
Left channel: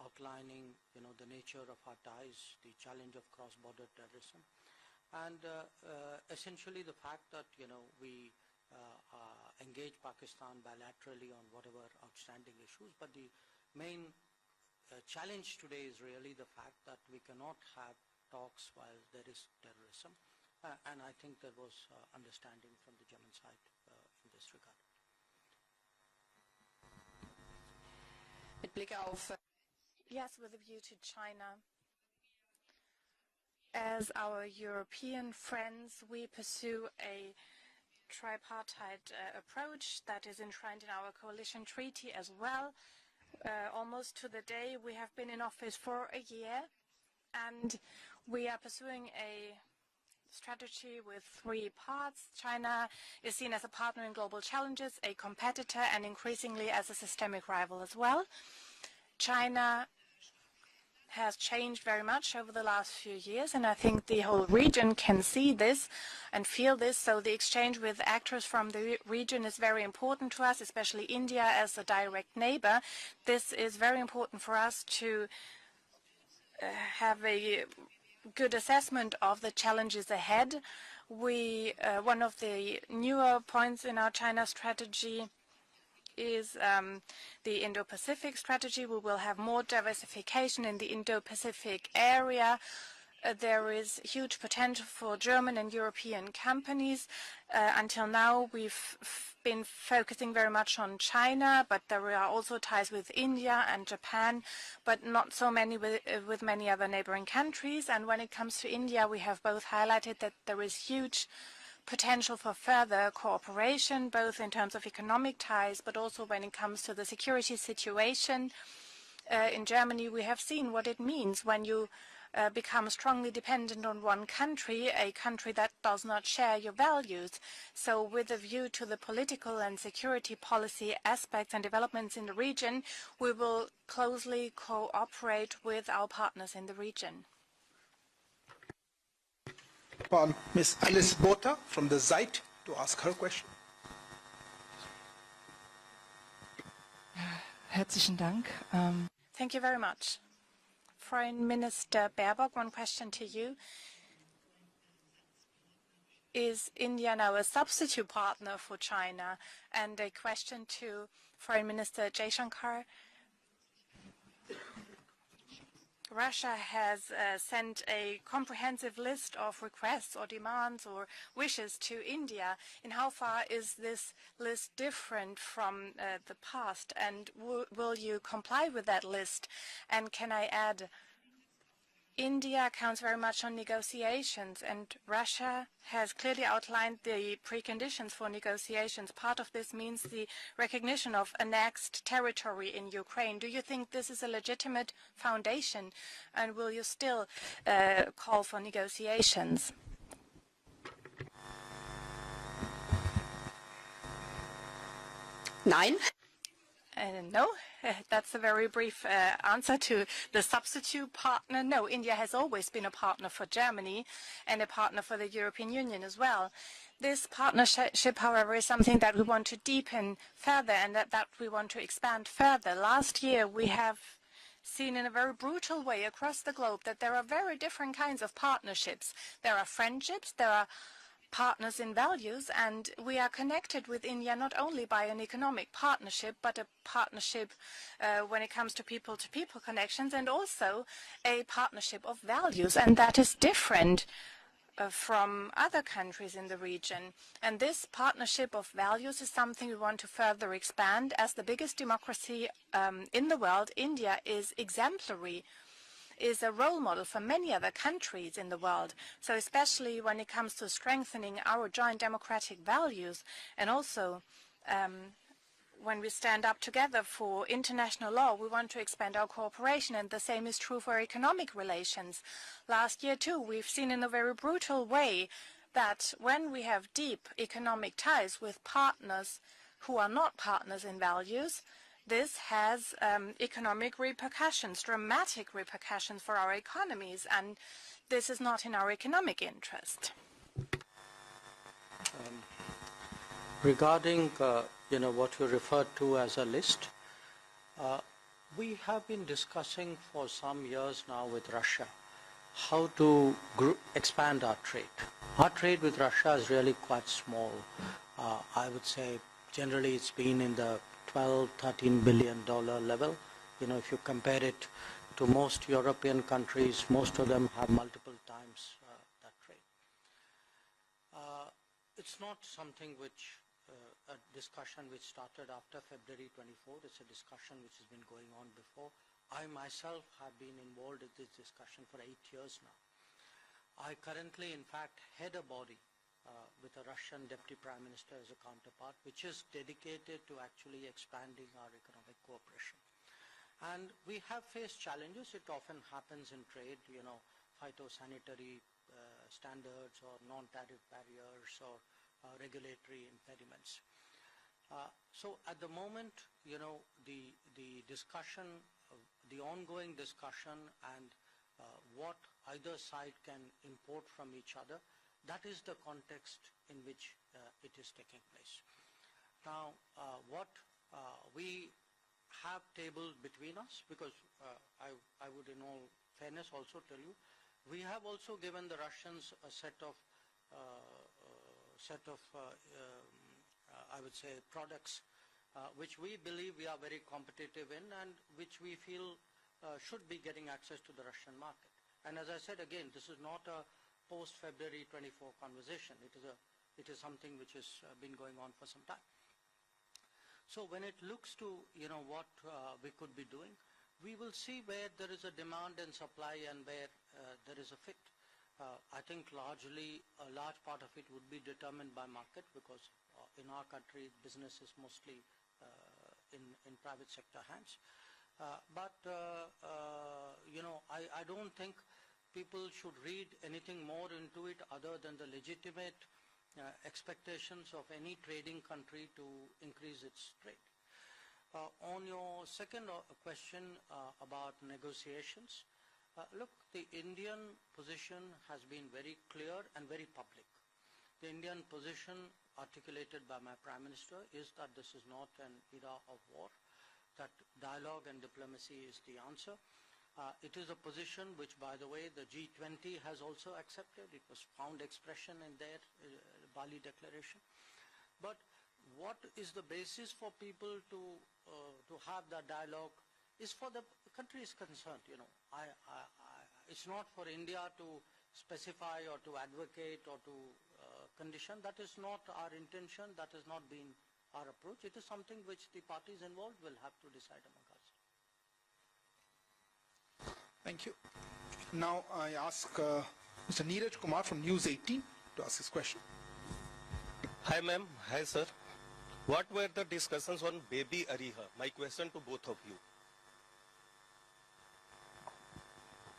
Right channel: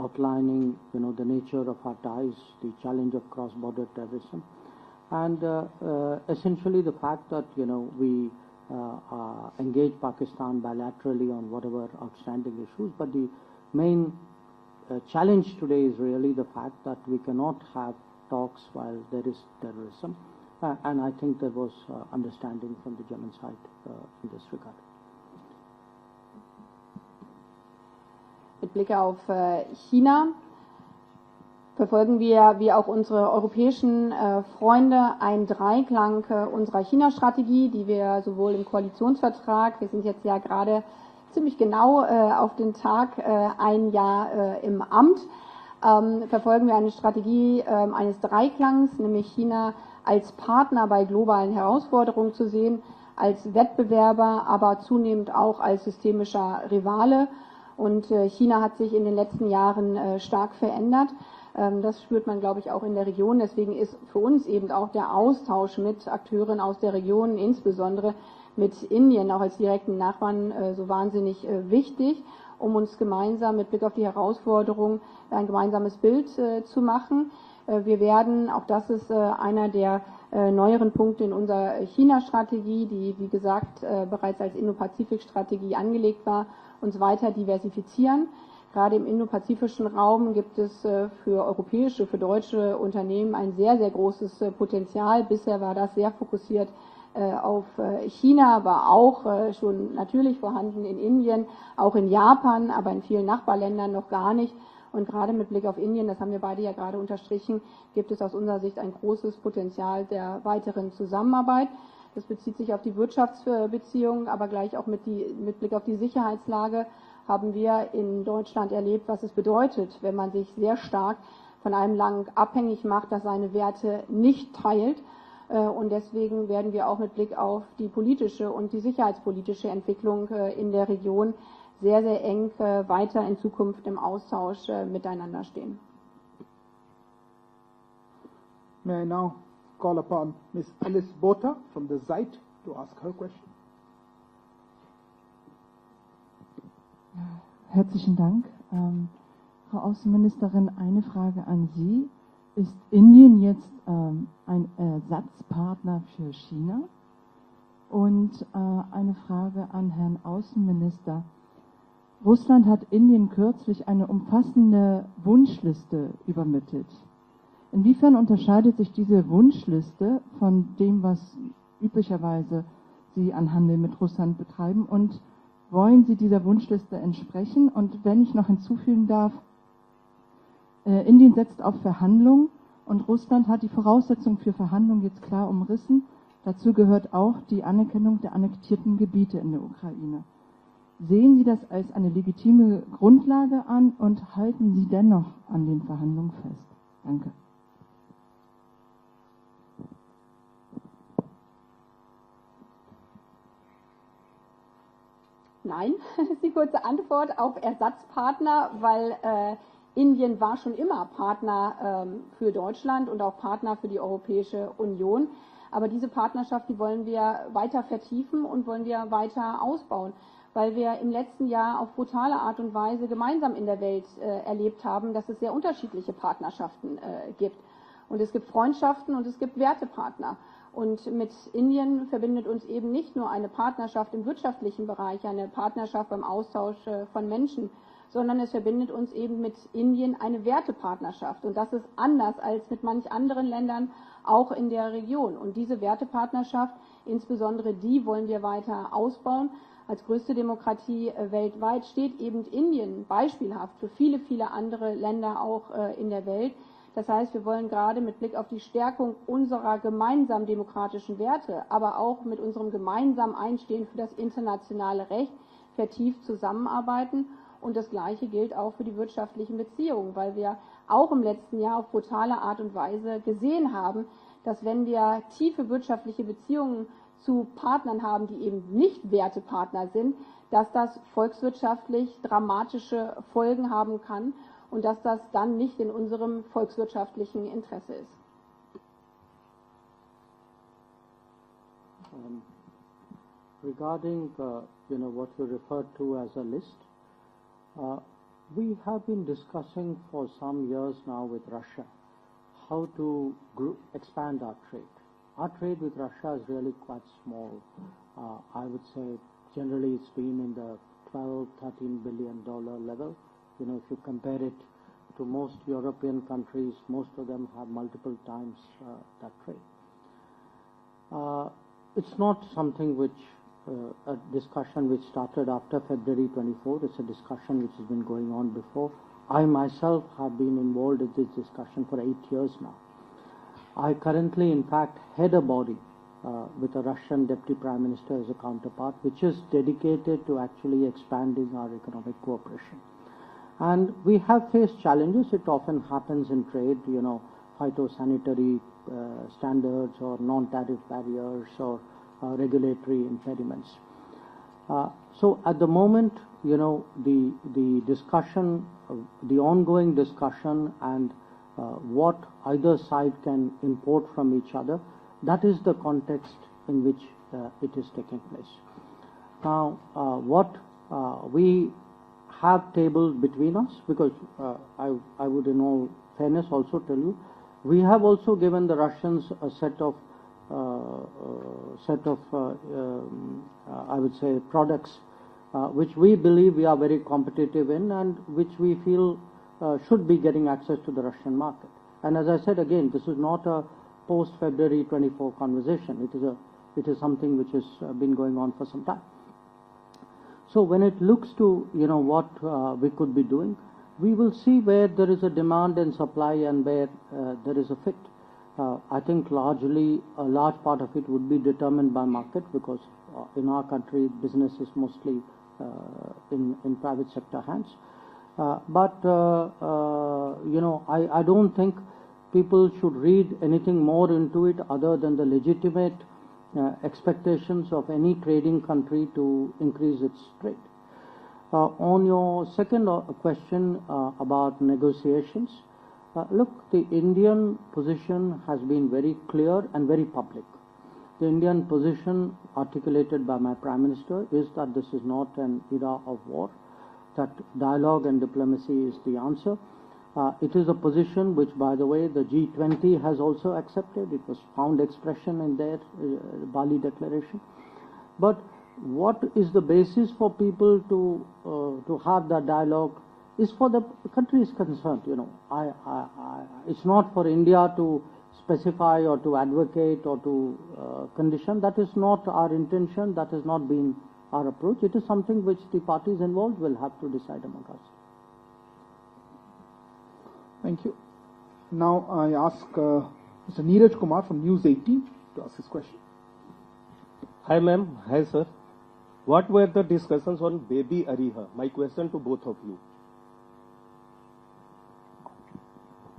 outlining, you know, the nature of our ties, the challenge of cross-border terrorism, and essentially the fact that, you know, we engage Pakistan bilaterally on whatever outstanding issues, but the main challenge today is really the fact that we cannot have talks while there is terrorism, and I think there was understanding from the German side in this regard. Mit Blick auf China verfolgen wir, wie auch unsere europäischen Freunde, einen Dreiklang unserer China-Strategie, die wir sowohl im Koalitionsvertrag, wir sind jetzt ja gerade ziemlich genau auf den Tag ein Jahr im Amt, verfolgen wir eine Strategie eines Dreiklangs, nämlich China als Partner bei globalen Herausforderungen zu sehen, als Wettbewerber, aber zunehmend auch als systemischer Rivale. Und China hat sich in den letzten Jahren stark verändert. Das spürt man, glaube ich, auch in der Region. Deswegen ist für uns eben auch der Austausch mit Akteuren aus der Region, insbesondere mit Indien, auch als direkten Nachbarn, so wahnsinnig wichtig, um uns gemeinsam mit Blick auf die Herausforderung ein gemeinsames Bild zu machen. Wir werden, auch das ist einer der neueren Punkte in unserer China-Strategie, die, wie gesagt, bereits als Indo-Pazifik-Strategie angelegt war, uns weiter diversifizieren. Gerade im indopazifischen Raum gibt es für europäische, für deutsche Unternehmen ein sehr, sehr großes Potenzial. Bisher war das sehr fokussiert auf China, aber auch schon natürlich vorhanden in Indien, auch in Japan, aber in vielen Nachbarländern noch gar nicht. Und gerade mit Blick auf Indien, das haben wir beide ja gerade unterstrichen, gibt es aus unserer Sicht ein großes Potenzial der weiteren Zusammenarbeit. Das bezieht sich auf die Wirtschaftsbeziehungen, aber gleich auch mit Blick auf die Sicherheitslage haben wir in Deutschland erlebt, was es bedeutet, wenn man sich sehr stark von einem Land abhängig macht, das seine Werte nicht teilt. Und deswegen werden wir auch mit Blick auf die politische und die sicherheitspolitische Entwicklung in der Region sehr, sehr eng weiter in Zukunft im Austausch miteinander stehen. May I now call upon Ms. Alice Botha from the Zeit to ask her question. Herzlichen Dank. Frau Außenministerin, eine Frage Foreign an Minister Sie. Baerbock, one Ist question to Indien you. jetzt ein Ersatzpartner für Is China? India now a substitute Und partner for eine China? Frage an And a Herrn question to Außenminister. Foreign Minister Russland Jaishankar. hat Indien kürzlich eine umfassende Wunschliste Russia übermittelt. has sent Inwiefern a unterscheidet sich comprehensive diese list of Wunschliste requests or von demands dem, or was wishes to üblicherweise India? And how Sie far an is Handel mit this Russland list betreiben? Und different from wollen Sie the dieser past? Wunschliste And entsprechen? will Und you wenn ich noch comply with that hinzufügen darf, list? And can I add, Indien setzt auf Verhandlungen India counts und very much Russland on hat die Voraussetzungen für negotiations, Verhandlungen and jetzt klar Russia umrissen. has clearly Dazu outlined gehört auch the die preconditions Anerkennung for der annektierten negotiations. Gebiete Part of in der this means Ukraine. the recognition of Sehen Sie das als annexed eine territory legitime in Ukraine. Do Grundlage you an think this und is a halten Sie legitimate dennoch an den foundation? Verhandlungen And fest? will you still Danke. call for negotiations? Nein. Die kurze Antwort No, auf that's a Ersatzpartner, very brief weil answer to Indien the war schon immer substitute partner. Partner No, India has für always been a Deutschland und partner auch for Partner für die Germany Europäische and a partner for Union. the European Aber Union diese as well. Partnerschaft, die wollen This wir weiter partnership, vertiefen however, is und wollen something wir that we want weiter to deepen ausbauen, weil further wir and im that we letzten want Jahr to auf expand brutale Art und further. Weise Last year gemeinsam in we der have Welt erlebt seen in a haben, dass very es sehr brutal way unterschiedliche across the globe Partnerschaften that there are very gibt. different Und kinds es of gibt partnerships. Freundschaften und es gibt There are friendships, Wertepartner. there are Und mit partners in Indien verbindet values, uns eben and nicht we nur are eine connected with Partnerschaft im India not only wirtschaftlichen by an Bereich, eine economic Partnerschaft im partnership, but a Austausch von partnership Menschen, sondern when es it comes to verbindet uns eben mit people-to-people connections, Indien and eine also a Wertepartnerschaft. Und das ist partnership of anders als values, mit and manch that is anderen Ländern, different auch in der Region. from Und diese other countries in the Wertepartnerschaft, region. And insbesondere this die wollen wir partnership of weiter values is ausbauen. something we want Als to größte further Demokratie expand. As the biggest weltweit steht eben democracy Indien in the world, beispielhaft für India viele is andere Länder exemplary, auch in der is a Welt. role model Das for heißt, wir many wollen other gerade mit countries Blick auf in die the world. Stärkung So unserer especially when it gemeinsamen comes to demokratischen strengthening Werte, our aber joint auch mit democratic unserem values, gemeinsamen and Einfluss für das also internationale Recht when we vertieft stand up together zusammenarbeiten. for Und das international Gleiche law, we gilt want auch to für die expand our wirtschaftlichen cooperation, Beziehungen, and the weil same wir is true for our auch im economic letzten Jahr auf relations. brutale Art und Last Weise year too, gesehen we've seen in haben, a very dass brutal wenn wir way tiefe that wirtschaftliche when we have Beziehungen deep zu economic Partnern haben, ties die with eben nicht partners Wertepartner who are sind, not dass partners das in values, volkswirtschaftlich this has dramatische Folgen haben economic kann repercussions, und dass das dramatic dann nicht in repercussions for unserem our economies, volkswirtschaftlichen and Interesse ist. this is not in our economic interest. Regarding what you referred to as a list, we have been discussing for some years now with Russia how to expand our trade. Our trade with Russia is really quite small. I would say generally it's been in the $12–13 billion level. If you compare it to most European countries, most of them have multiple times that trade. It's not something which a discussion which started after February 24. It's a discussion which has been going on before. I myself have been involved in this discussion for 8 years now. I currently, in fact, head a body with a Russian Deputy Prime Minister as a counterpart, which is dedicated to actually expanding our economic cooperation. And we have faced challenges. It often happens in trade, phytosanitary standards or non-tariff barriers or regulatory impediments. So at the moment, the discussion, the ongoing discussion and what either side can import from each other, that is the context in which it is taking place. Now, what we have tabled between us, because I would in all fairness also tell you, we have also given the Russians a set of I would say products which we believe we are very competitive in and which we feel should be getting access to the Russian market. And as I said again, this is not a post-February 24 conversation. It is something which has been going on for some time. So when it looks to what we could be doing, we will see where there is a demand and supply and where there is a fit. I think largely a large part of it would be determined by market, because in our country business is mostly in private sector hands. But I don't think people should read anything more into it other than the legitimate expectations of any trading country to increase its trade. On your second question about negotiations, look, the Indian position has been very clear and very public. The Indian position articulated by my Prime Minister is that this is not an era of war, that dialogue and diplomacy is the answer. It is a position which, by the way, the G20 has also accepted. It was found expression in their Bali declaration. But what is the basis for people to have that dialogue is for the countries concerned. It's not for India to specify or to advocate or to condition. That is not our intention. That has not been our approach. It is something which the parties involved will have to decide among us. Thank you. Now I ask Mr. Neeraj Kumar from News 18 to ask his question. Hi ma'am, hi sir. What were the discussions on baby Ariha? My question to both of you.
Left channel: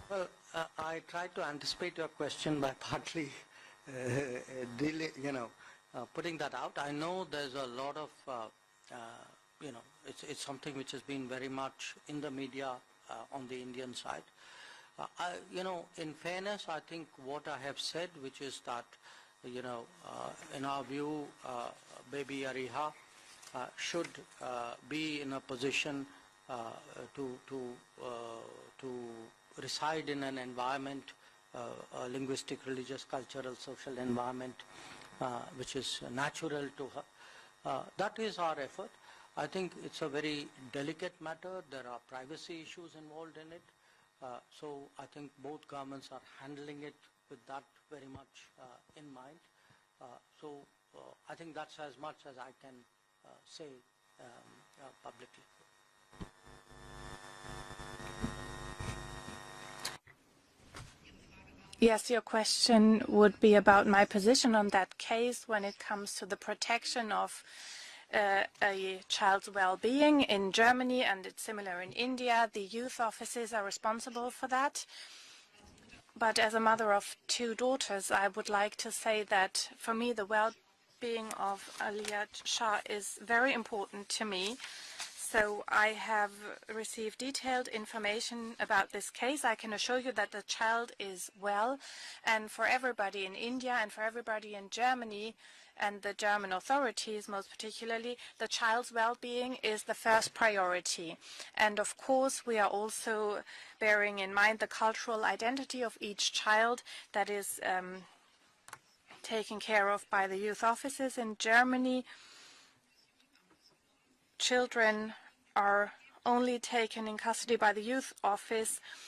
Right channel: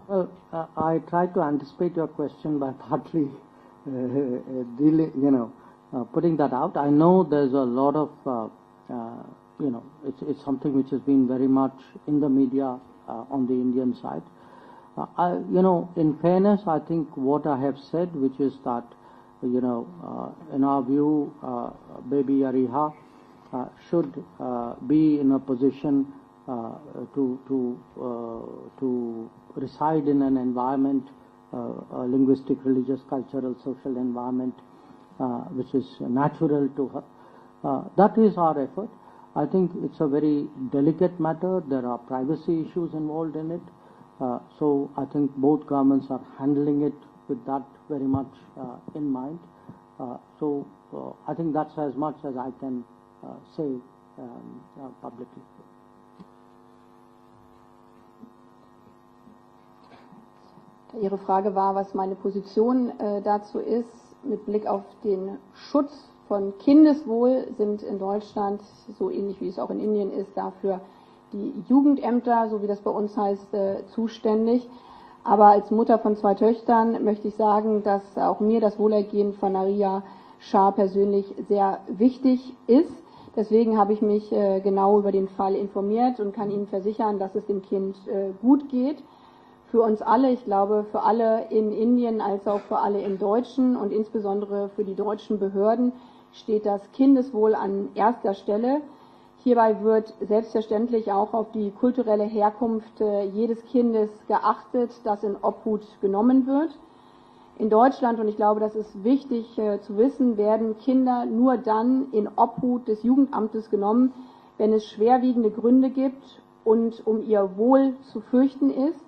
Well, I tried to anticipate your question by partly putting that out. I know there's a lot of, it's something which has been very much in the media on the Indian side. In fairness, I think what I have said, which is that, in our view, baby Ariha should be in a position to reside in an environment, a linguistic, religious, cultural, social environment, which is natural to her. That is our effort. I think it's a very delicate matter. There are privacy issues involved in it. So I think both governments are handling it with that very much in mind. So I think that's as much as I can say publicly. Ihre Frage war, was Yes, meine your Position question would be dazu about ist. my position on Mit Blick that auf den case when it Schutz comes to the von protection Kindeswohl of sind in Deutschland, so ähnlich child's wie es auch in well-being Indien ist, in dafür Germany and it's die similar in India. Jugendämter, so The wie das bei youth uns offices are heißt, responsible for zuständig. that. Aber als Mutter von zwei But as a mother Töchtern of möchte ich two sagen, daughters, dass I auch would mir like das to say Wohlergehen von that for Maria me the Schaar persönlich well-being sehr of Aliyah wichtig Schaar ist. is very Deswegen habe ich important mich to me. genau über den So Fall I informiert und have kann Ihnen versichern, received dass es dem detailed Kind information gut about geht. this case. I can Für assure uns you alle, that ich the glaube, child für is alle in well, Indien als and auch for für alle in everybody in Deutschen India und and for everybody insbesondere in für die Germany deutschen Behörden and the German steht das authorities, most Kindeswohl an particularly erster the Stelle. child's well-being Hierbei is the wird first selbstverständlich priority. auch auf die And of kulturelle course, we are Herkunft also jedes Kindes bearing in mind the geachtet, das cultural in Obhut identity of each genommen wird. child that is In Deutschland, und ich glaube, das ist wichtig taken care zu of by wissen, the youth werden offices Kinder in nur Germany. dann in Obhut des Jugendamtes genommen, wenn es Children schwerwiegende Gründe are gibt only und taken in ihr custody by the Wohl youth zu fürchten office ist,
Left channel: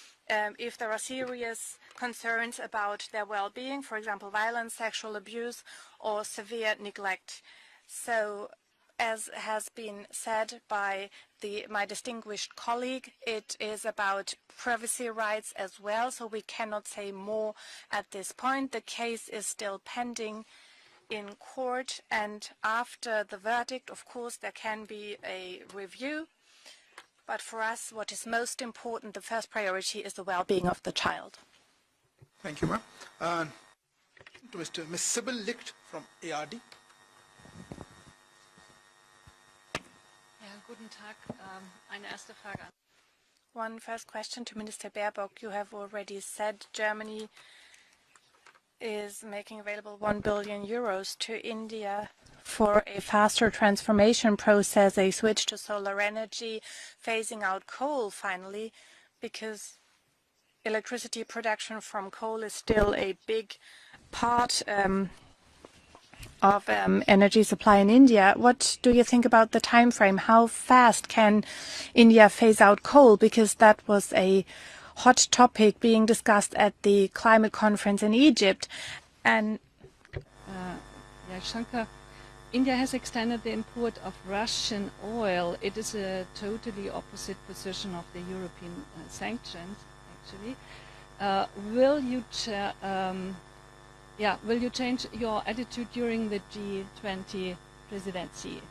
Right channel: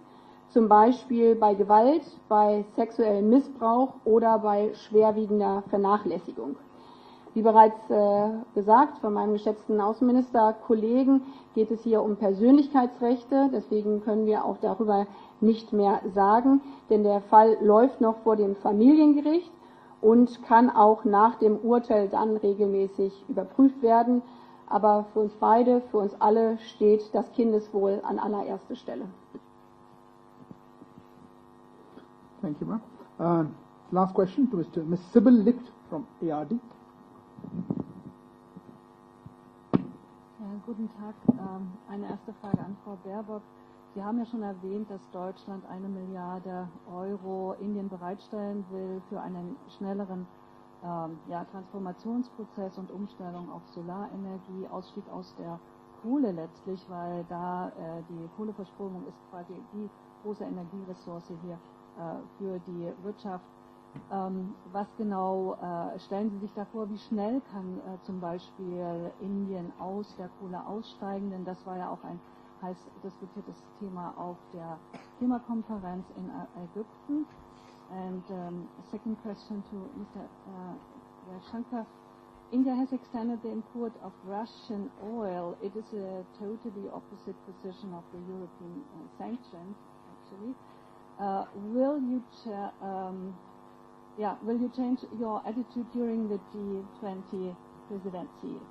zum if there are Beispiel bei serious Gewalt, concerns bei about sexuellem their well-being, Missbrauch for example, oder bei violence, sexual schwerwiegender abuse, or Vernachlässigung. severe neglect. Wie bereits So, gesagt von as meinem has geschätzten been Außenministerkollegen, said geht by es my hier um distinguished Persönlichkeitsrechte. colleague, it is Deswegen können about wir auch darüber privacy rights nicht as mehr well, so we sagen, cannot denn say der more Fall läuft at noch this vor dem point. The case is Familiengericht still pending und kann auch nach in dem court, Urteil dann and regelmäßig after the überprüft verdict, of werden. course, there can Aber be für uns a beide, für uns review. alle steht das But for us, Kindeswohl what an is most allererster Stelle. important, the first priority is the well-being of the child. Thank you, ma'am. Last question to Ms. Sibyl Licht from ARD. Ja, guten Tag. Eine erste Frage an Frau Baerbock. One Sie first haben ja question schon to Minister erwähnt, dass Baerbock. You have Deutschland 1 already Milliarde said Germany Euro Indien bereitstellen will is für einen making available schnelleren 1 billion euros to ja, India Transformationsprozess for und a Umstellung faster auf die transformation Erneuerbaren process, a Energien switch to aus der solar Kohle energy, letztlich, weil phasing da out coal die finally, Kohleverstromung ist because quasi die große electricity Energieressource production from coal für is die still a Wirtschaft. big part Was genau stellen Sie sich of da vor, wie energy schnell supply kann in India. zum What do you Beispiel think about the Indien time aus frame? der How Kohle fast aussteigen? can Und das war ja auch India ein phase out coal? Because that Thema was auf a der hot topic being Klimakonferenz in discussed at the Ägypten. climate conference in Egypt. Second And question to Mr. Jaishankar. India has extended the import of Russian oil. It is a totally opposite position of the European sanctions, actually. will you change your attitude during the G20 presidency?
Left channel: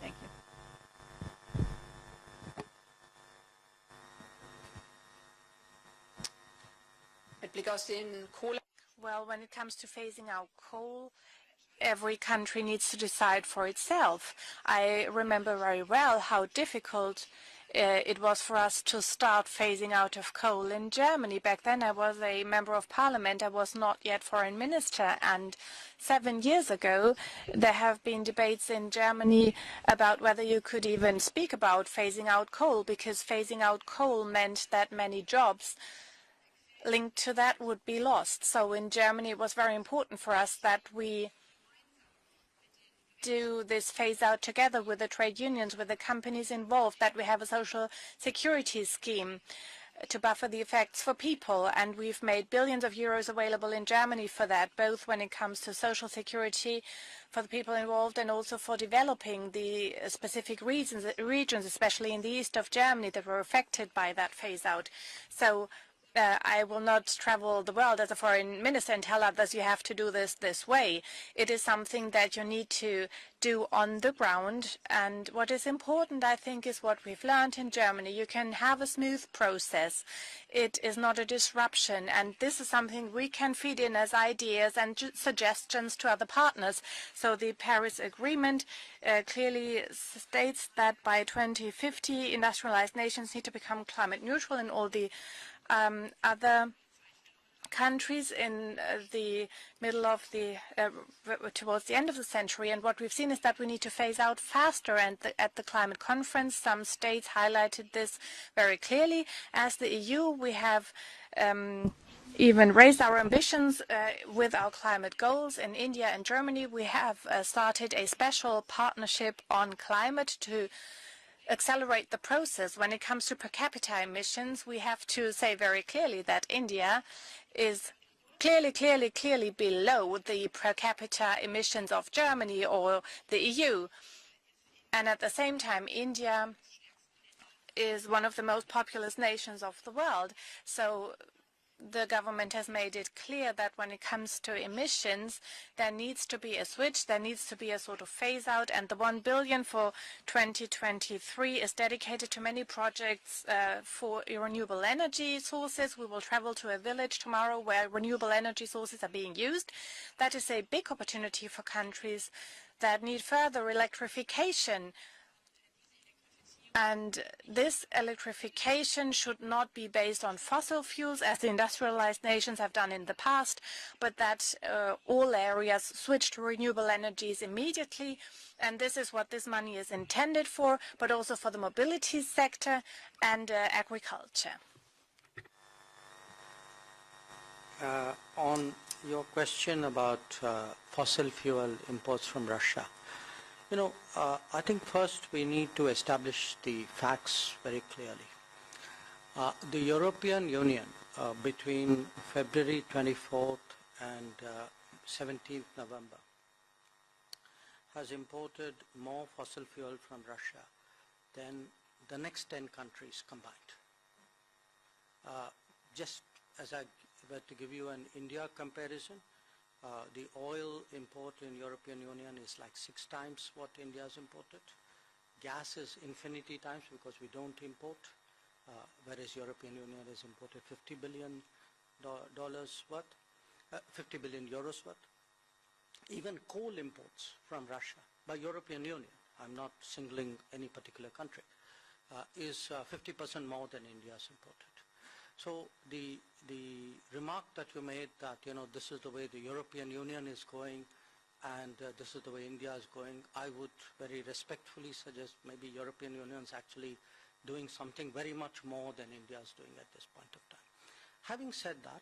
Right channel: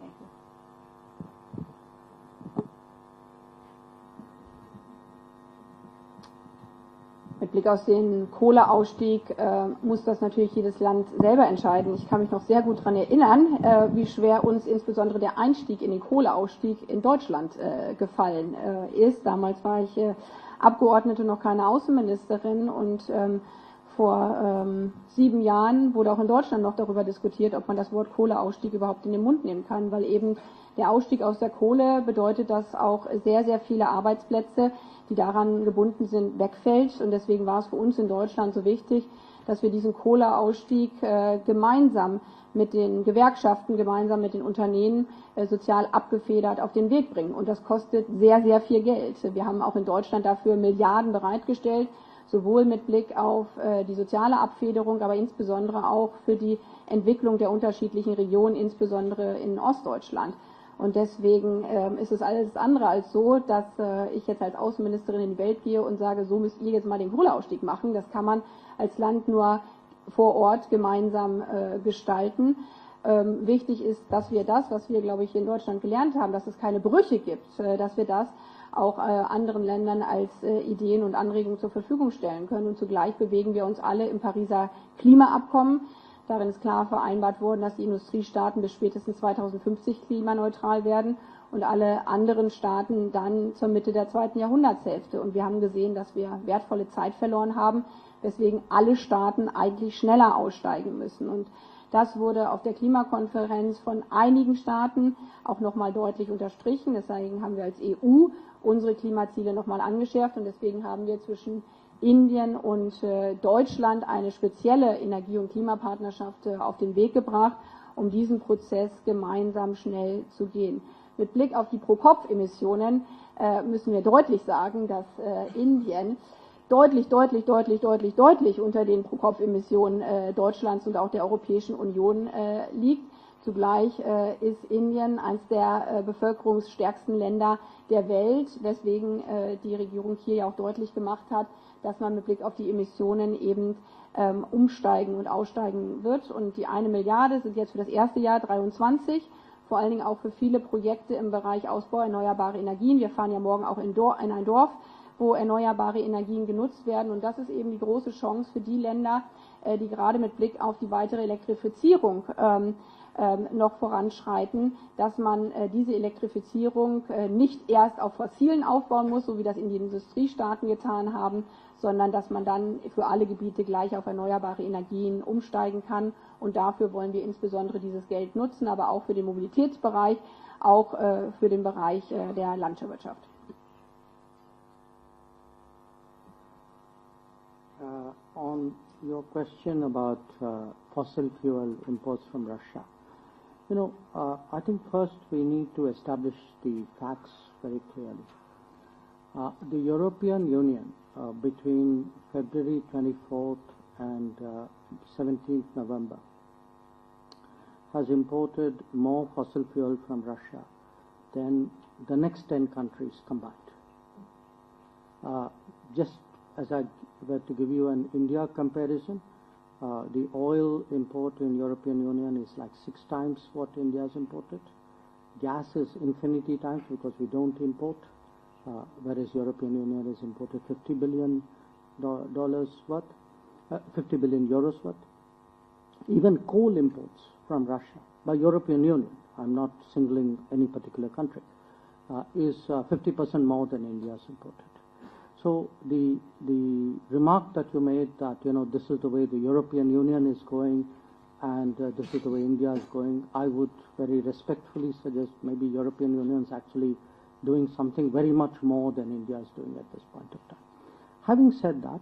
Thank you. Mit Blick auf den Kohleausstieg muss das natürlich jedes Land selber entscheiden. Ich kann mich noch sehr gut daran erinnern, wie schwer uns insbesondere der Einstieg in den Kohleausstieg in Deutschland gefallen ist. Damals war ich Abgeordnete, noch keine Außenministerin, und vor 7 Jahren wurde auch in Deutschland noch darüber diskutiert, ob man das Wort Kohleausstieg überhaupt in den Mund nehmen kann, weil eben der Ausstieg aus der Kohle bedeutet, dass auch sehr, sehr viele Arbeitsplätze, die daran gebunden sind, wegfällt. Und deswegen war es für uns in Deutschland so wichtig, dass wir diesen Kohleausstieg gemeinsam mit den Gewerkschaften, gemeinsam mit den Unternehmen sozial abgefedert auf den Weg bringen. Und das kostet sehr, sehr viel Geld. Wir haben auch in Deutschland dafür Milliarden bereitgestellt, sowohl mit Blick auf die soziale Abfederung, aber insbesondere auch für die Entwicklung der unterschiedlichen Regionen, insbesondere in Ostdeutschland. Und deswegen ist es alles andere als so, dass ich jetzt als Außenministerin in die Welt gehe und sage, wir müssen jetzt mal den Kohleausstieg machen. Das kann man als Land nur vor Ort gemeinsam gestalten. Wichtig ist, dass wir das, was wir, glaube ich, in Deutschland gelernt haben, dass es keine Brüche gibt, dass wir das auch anderen Ländern als Ideen und Anregungen zur Verfügung stellen können. Und zugleich bewegen wir uns alle im Pariser Klimaabkommen. Da ist klar vereinbart worden, dass die Industriestaaten bis spätestens 2050 klimaneutral werden und alle anderen Staaten dann zur Mitte der 2. Jahrhunderthälfte. Und wir haben gesehen, dass wir wertvolle Zeit verloren haben, deswegen alle Staaten eigentlich schneller aussteigen müssen. Und das wurde auf der Klimakonferenz von einigen Staaten auch nochmal deutlich unterstrichen. Deswegen haben wir als EU unsere Klimaziele nochmal angeführt, und deswegen haben wir zwischen Indien und Deutschland eine spezielle Energie- und Klimapartnerschaft auf den Weg gebracht, um diesen Prozess gemeinsam schnell zu gehen. Mit Blick auf die Pro-Kopf-Emissionen müssen wir deutlich sagen, dass Indien deutlich unter den Pro-Kopf-Emissionen Deutschlands und auch der Europäischen Union liegt. Zugleich ist Indien eines der bevölkerungsstärksten Länder der Welt, weswegen die Regierung hier ja auch deutlich gemacht hat, dass man mit Blick auf die Emissionen eben umsteigen und aussteigen wird. Und die 1 Milliarde sind jetzt für das erste Jahr 23, vor allen Dingen auch für viele Projekte im Bereich Ausbau erneuerbarer Energien. Wir fahren ja morgen auch in ein Dorf, wo erneuerbare Energien genutzt werden. Und das ist eben eine große Chance für die Länder, die gerade mit Blick auf die weitere Elektrifizierung noch voranschreiten, dass man diese Elektrifizierung nicht erst auf fossilen aufbauen muss, so wie das in den Industriestaaten getan haben, sondern dass man dann für alle Gebiete gleich auf erneuerbare Energien umsteigen kann. Und dafür wollen wir insbesondere dieses Geld nutzen, aber auch für den Mobilitätsbereich, auch für den Bereich der Landwirtschaft. On your question about fossil fuel imports from Russia, I think first we need to establish the facts very clearly. The European Union between February 24th and 17th November has imported more fossil fuel from Russia than the next 10 countries combined. Just as I were to give you an India comparison, the oil import in European Union is like 6 times what India has imported. Gas is infinity times because we don't import. Whereas European Union has imported $50 billion worth, 50 billion euros worth. Even coal imports from Russia by European Union, I'm not singling any particular country, is 50% more than India has imported. So the remark that you made that this is the way the European Union is going and this is the way India is going, I would very respectfully suggest maybe European Union is actually doing something very much more than India is doing at this point of time. Having said that,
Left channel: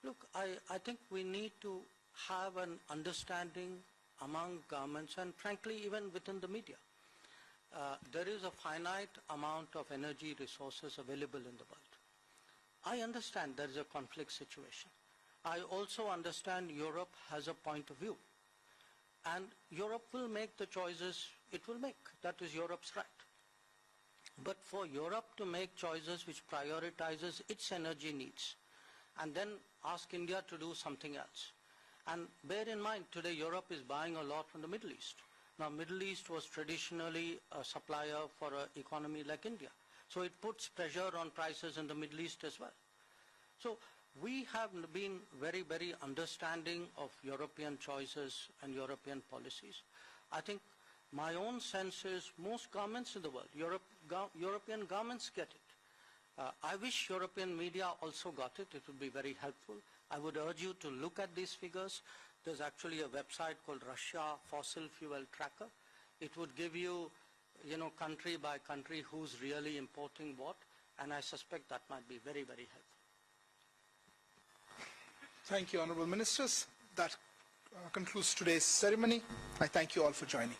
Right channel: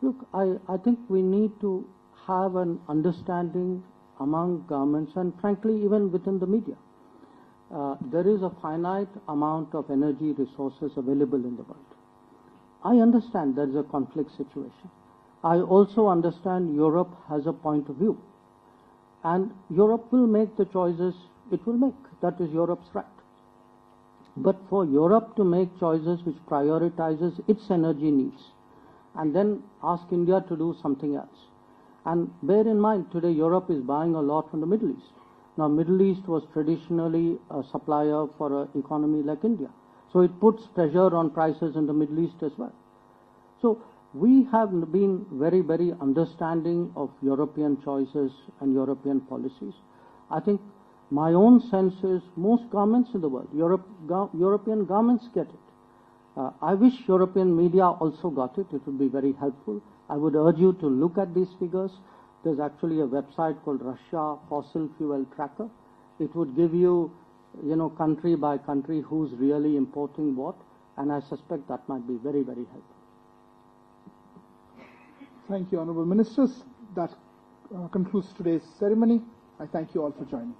look, I think we need to have an understanding among governments and frankly even within the media. There is a finite amount of energy resources available in the world. I understand there is a conflict situation. I also understand Europe has a point of view. And Europe will make the choices it will make. That is Europe's right. But for Europe to make choices which prioritizes its energy needs and then ask India to do something else. And bear in mind, today Europe is buying a lot from the Middle East. Now, Middle East was traditionally a supplier for an economy like India. So it puts pressure on prices in the Middle East as well. So we have been very, very understanding of European choices and European policies. I think my own sense is most governments in the world, European governments get it. I wish European media also got it. It would be very helpful. I would urge you to look at these figures. There's actually a website called Russia Fossil Fuel Tracker. It would give you, country by country who's really importing what, and I suspect that might be very, very helpful. Thank you, Honorable Ministers. That concludes today's ceremony. I thank you all for joining.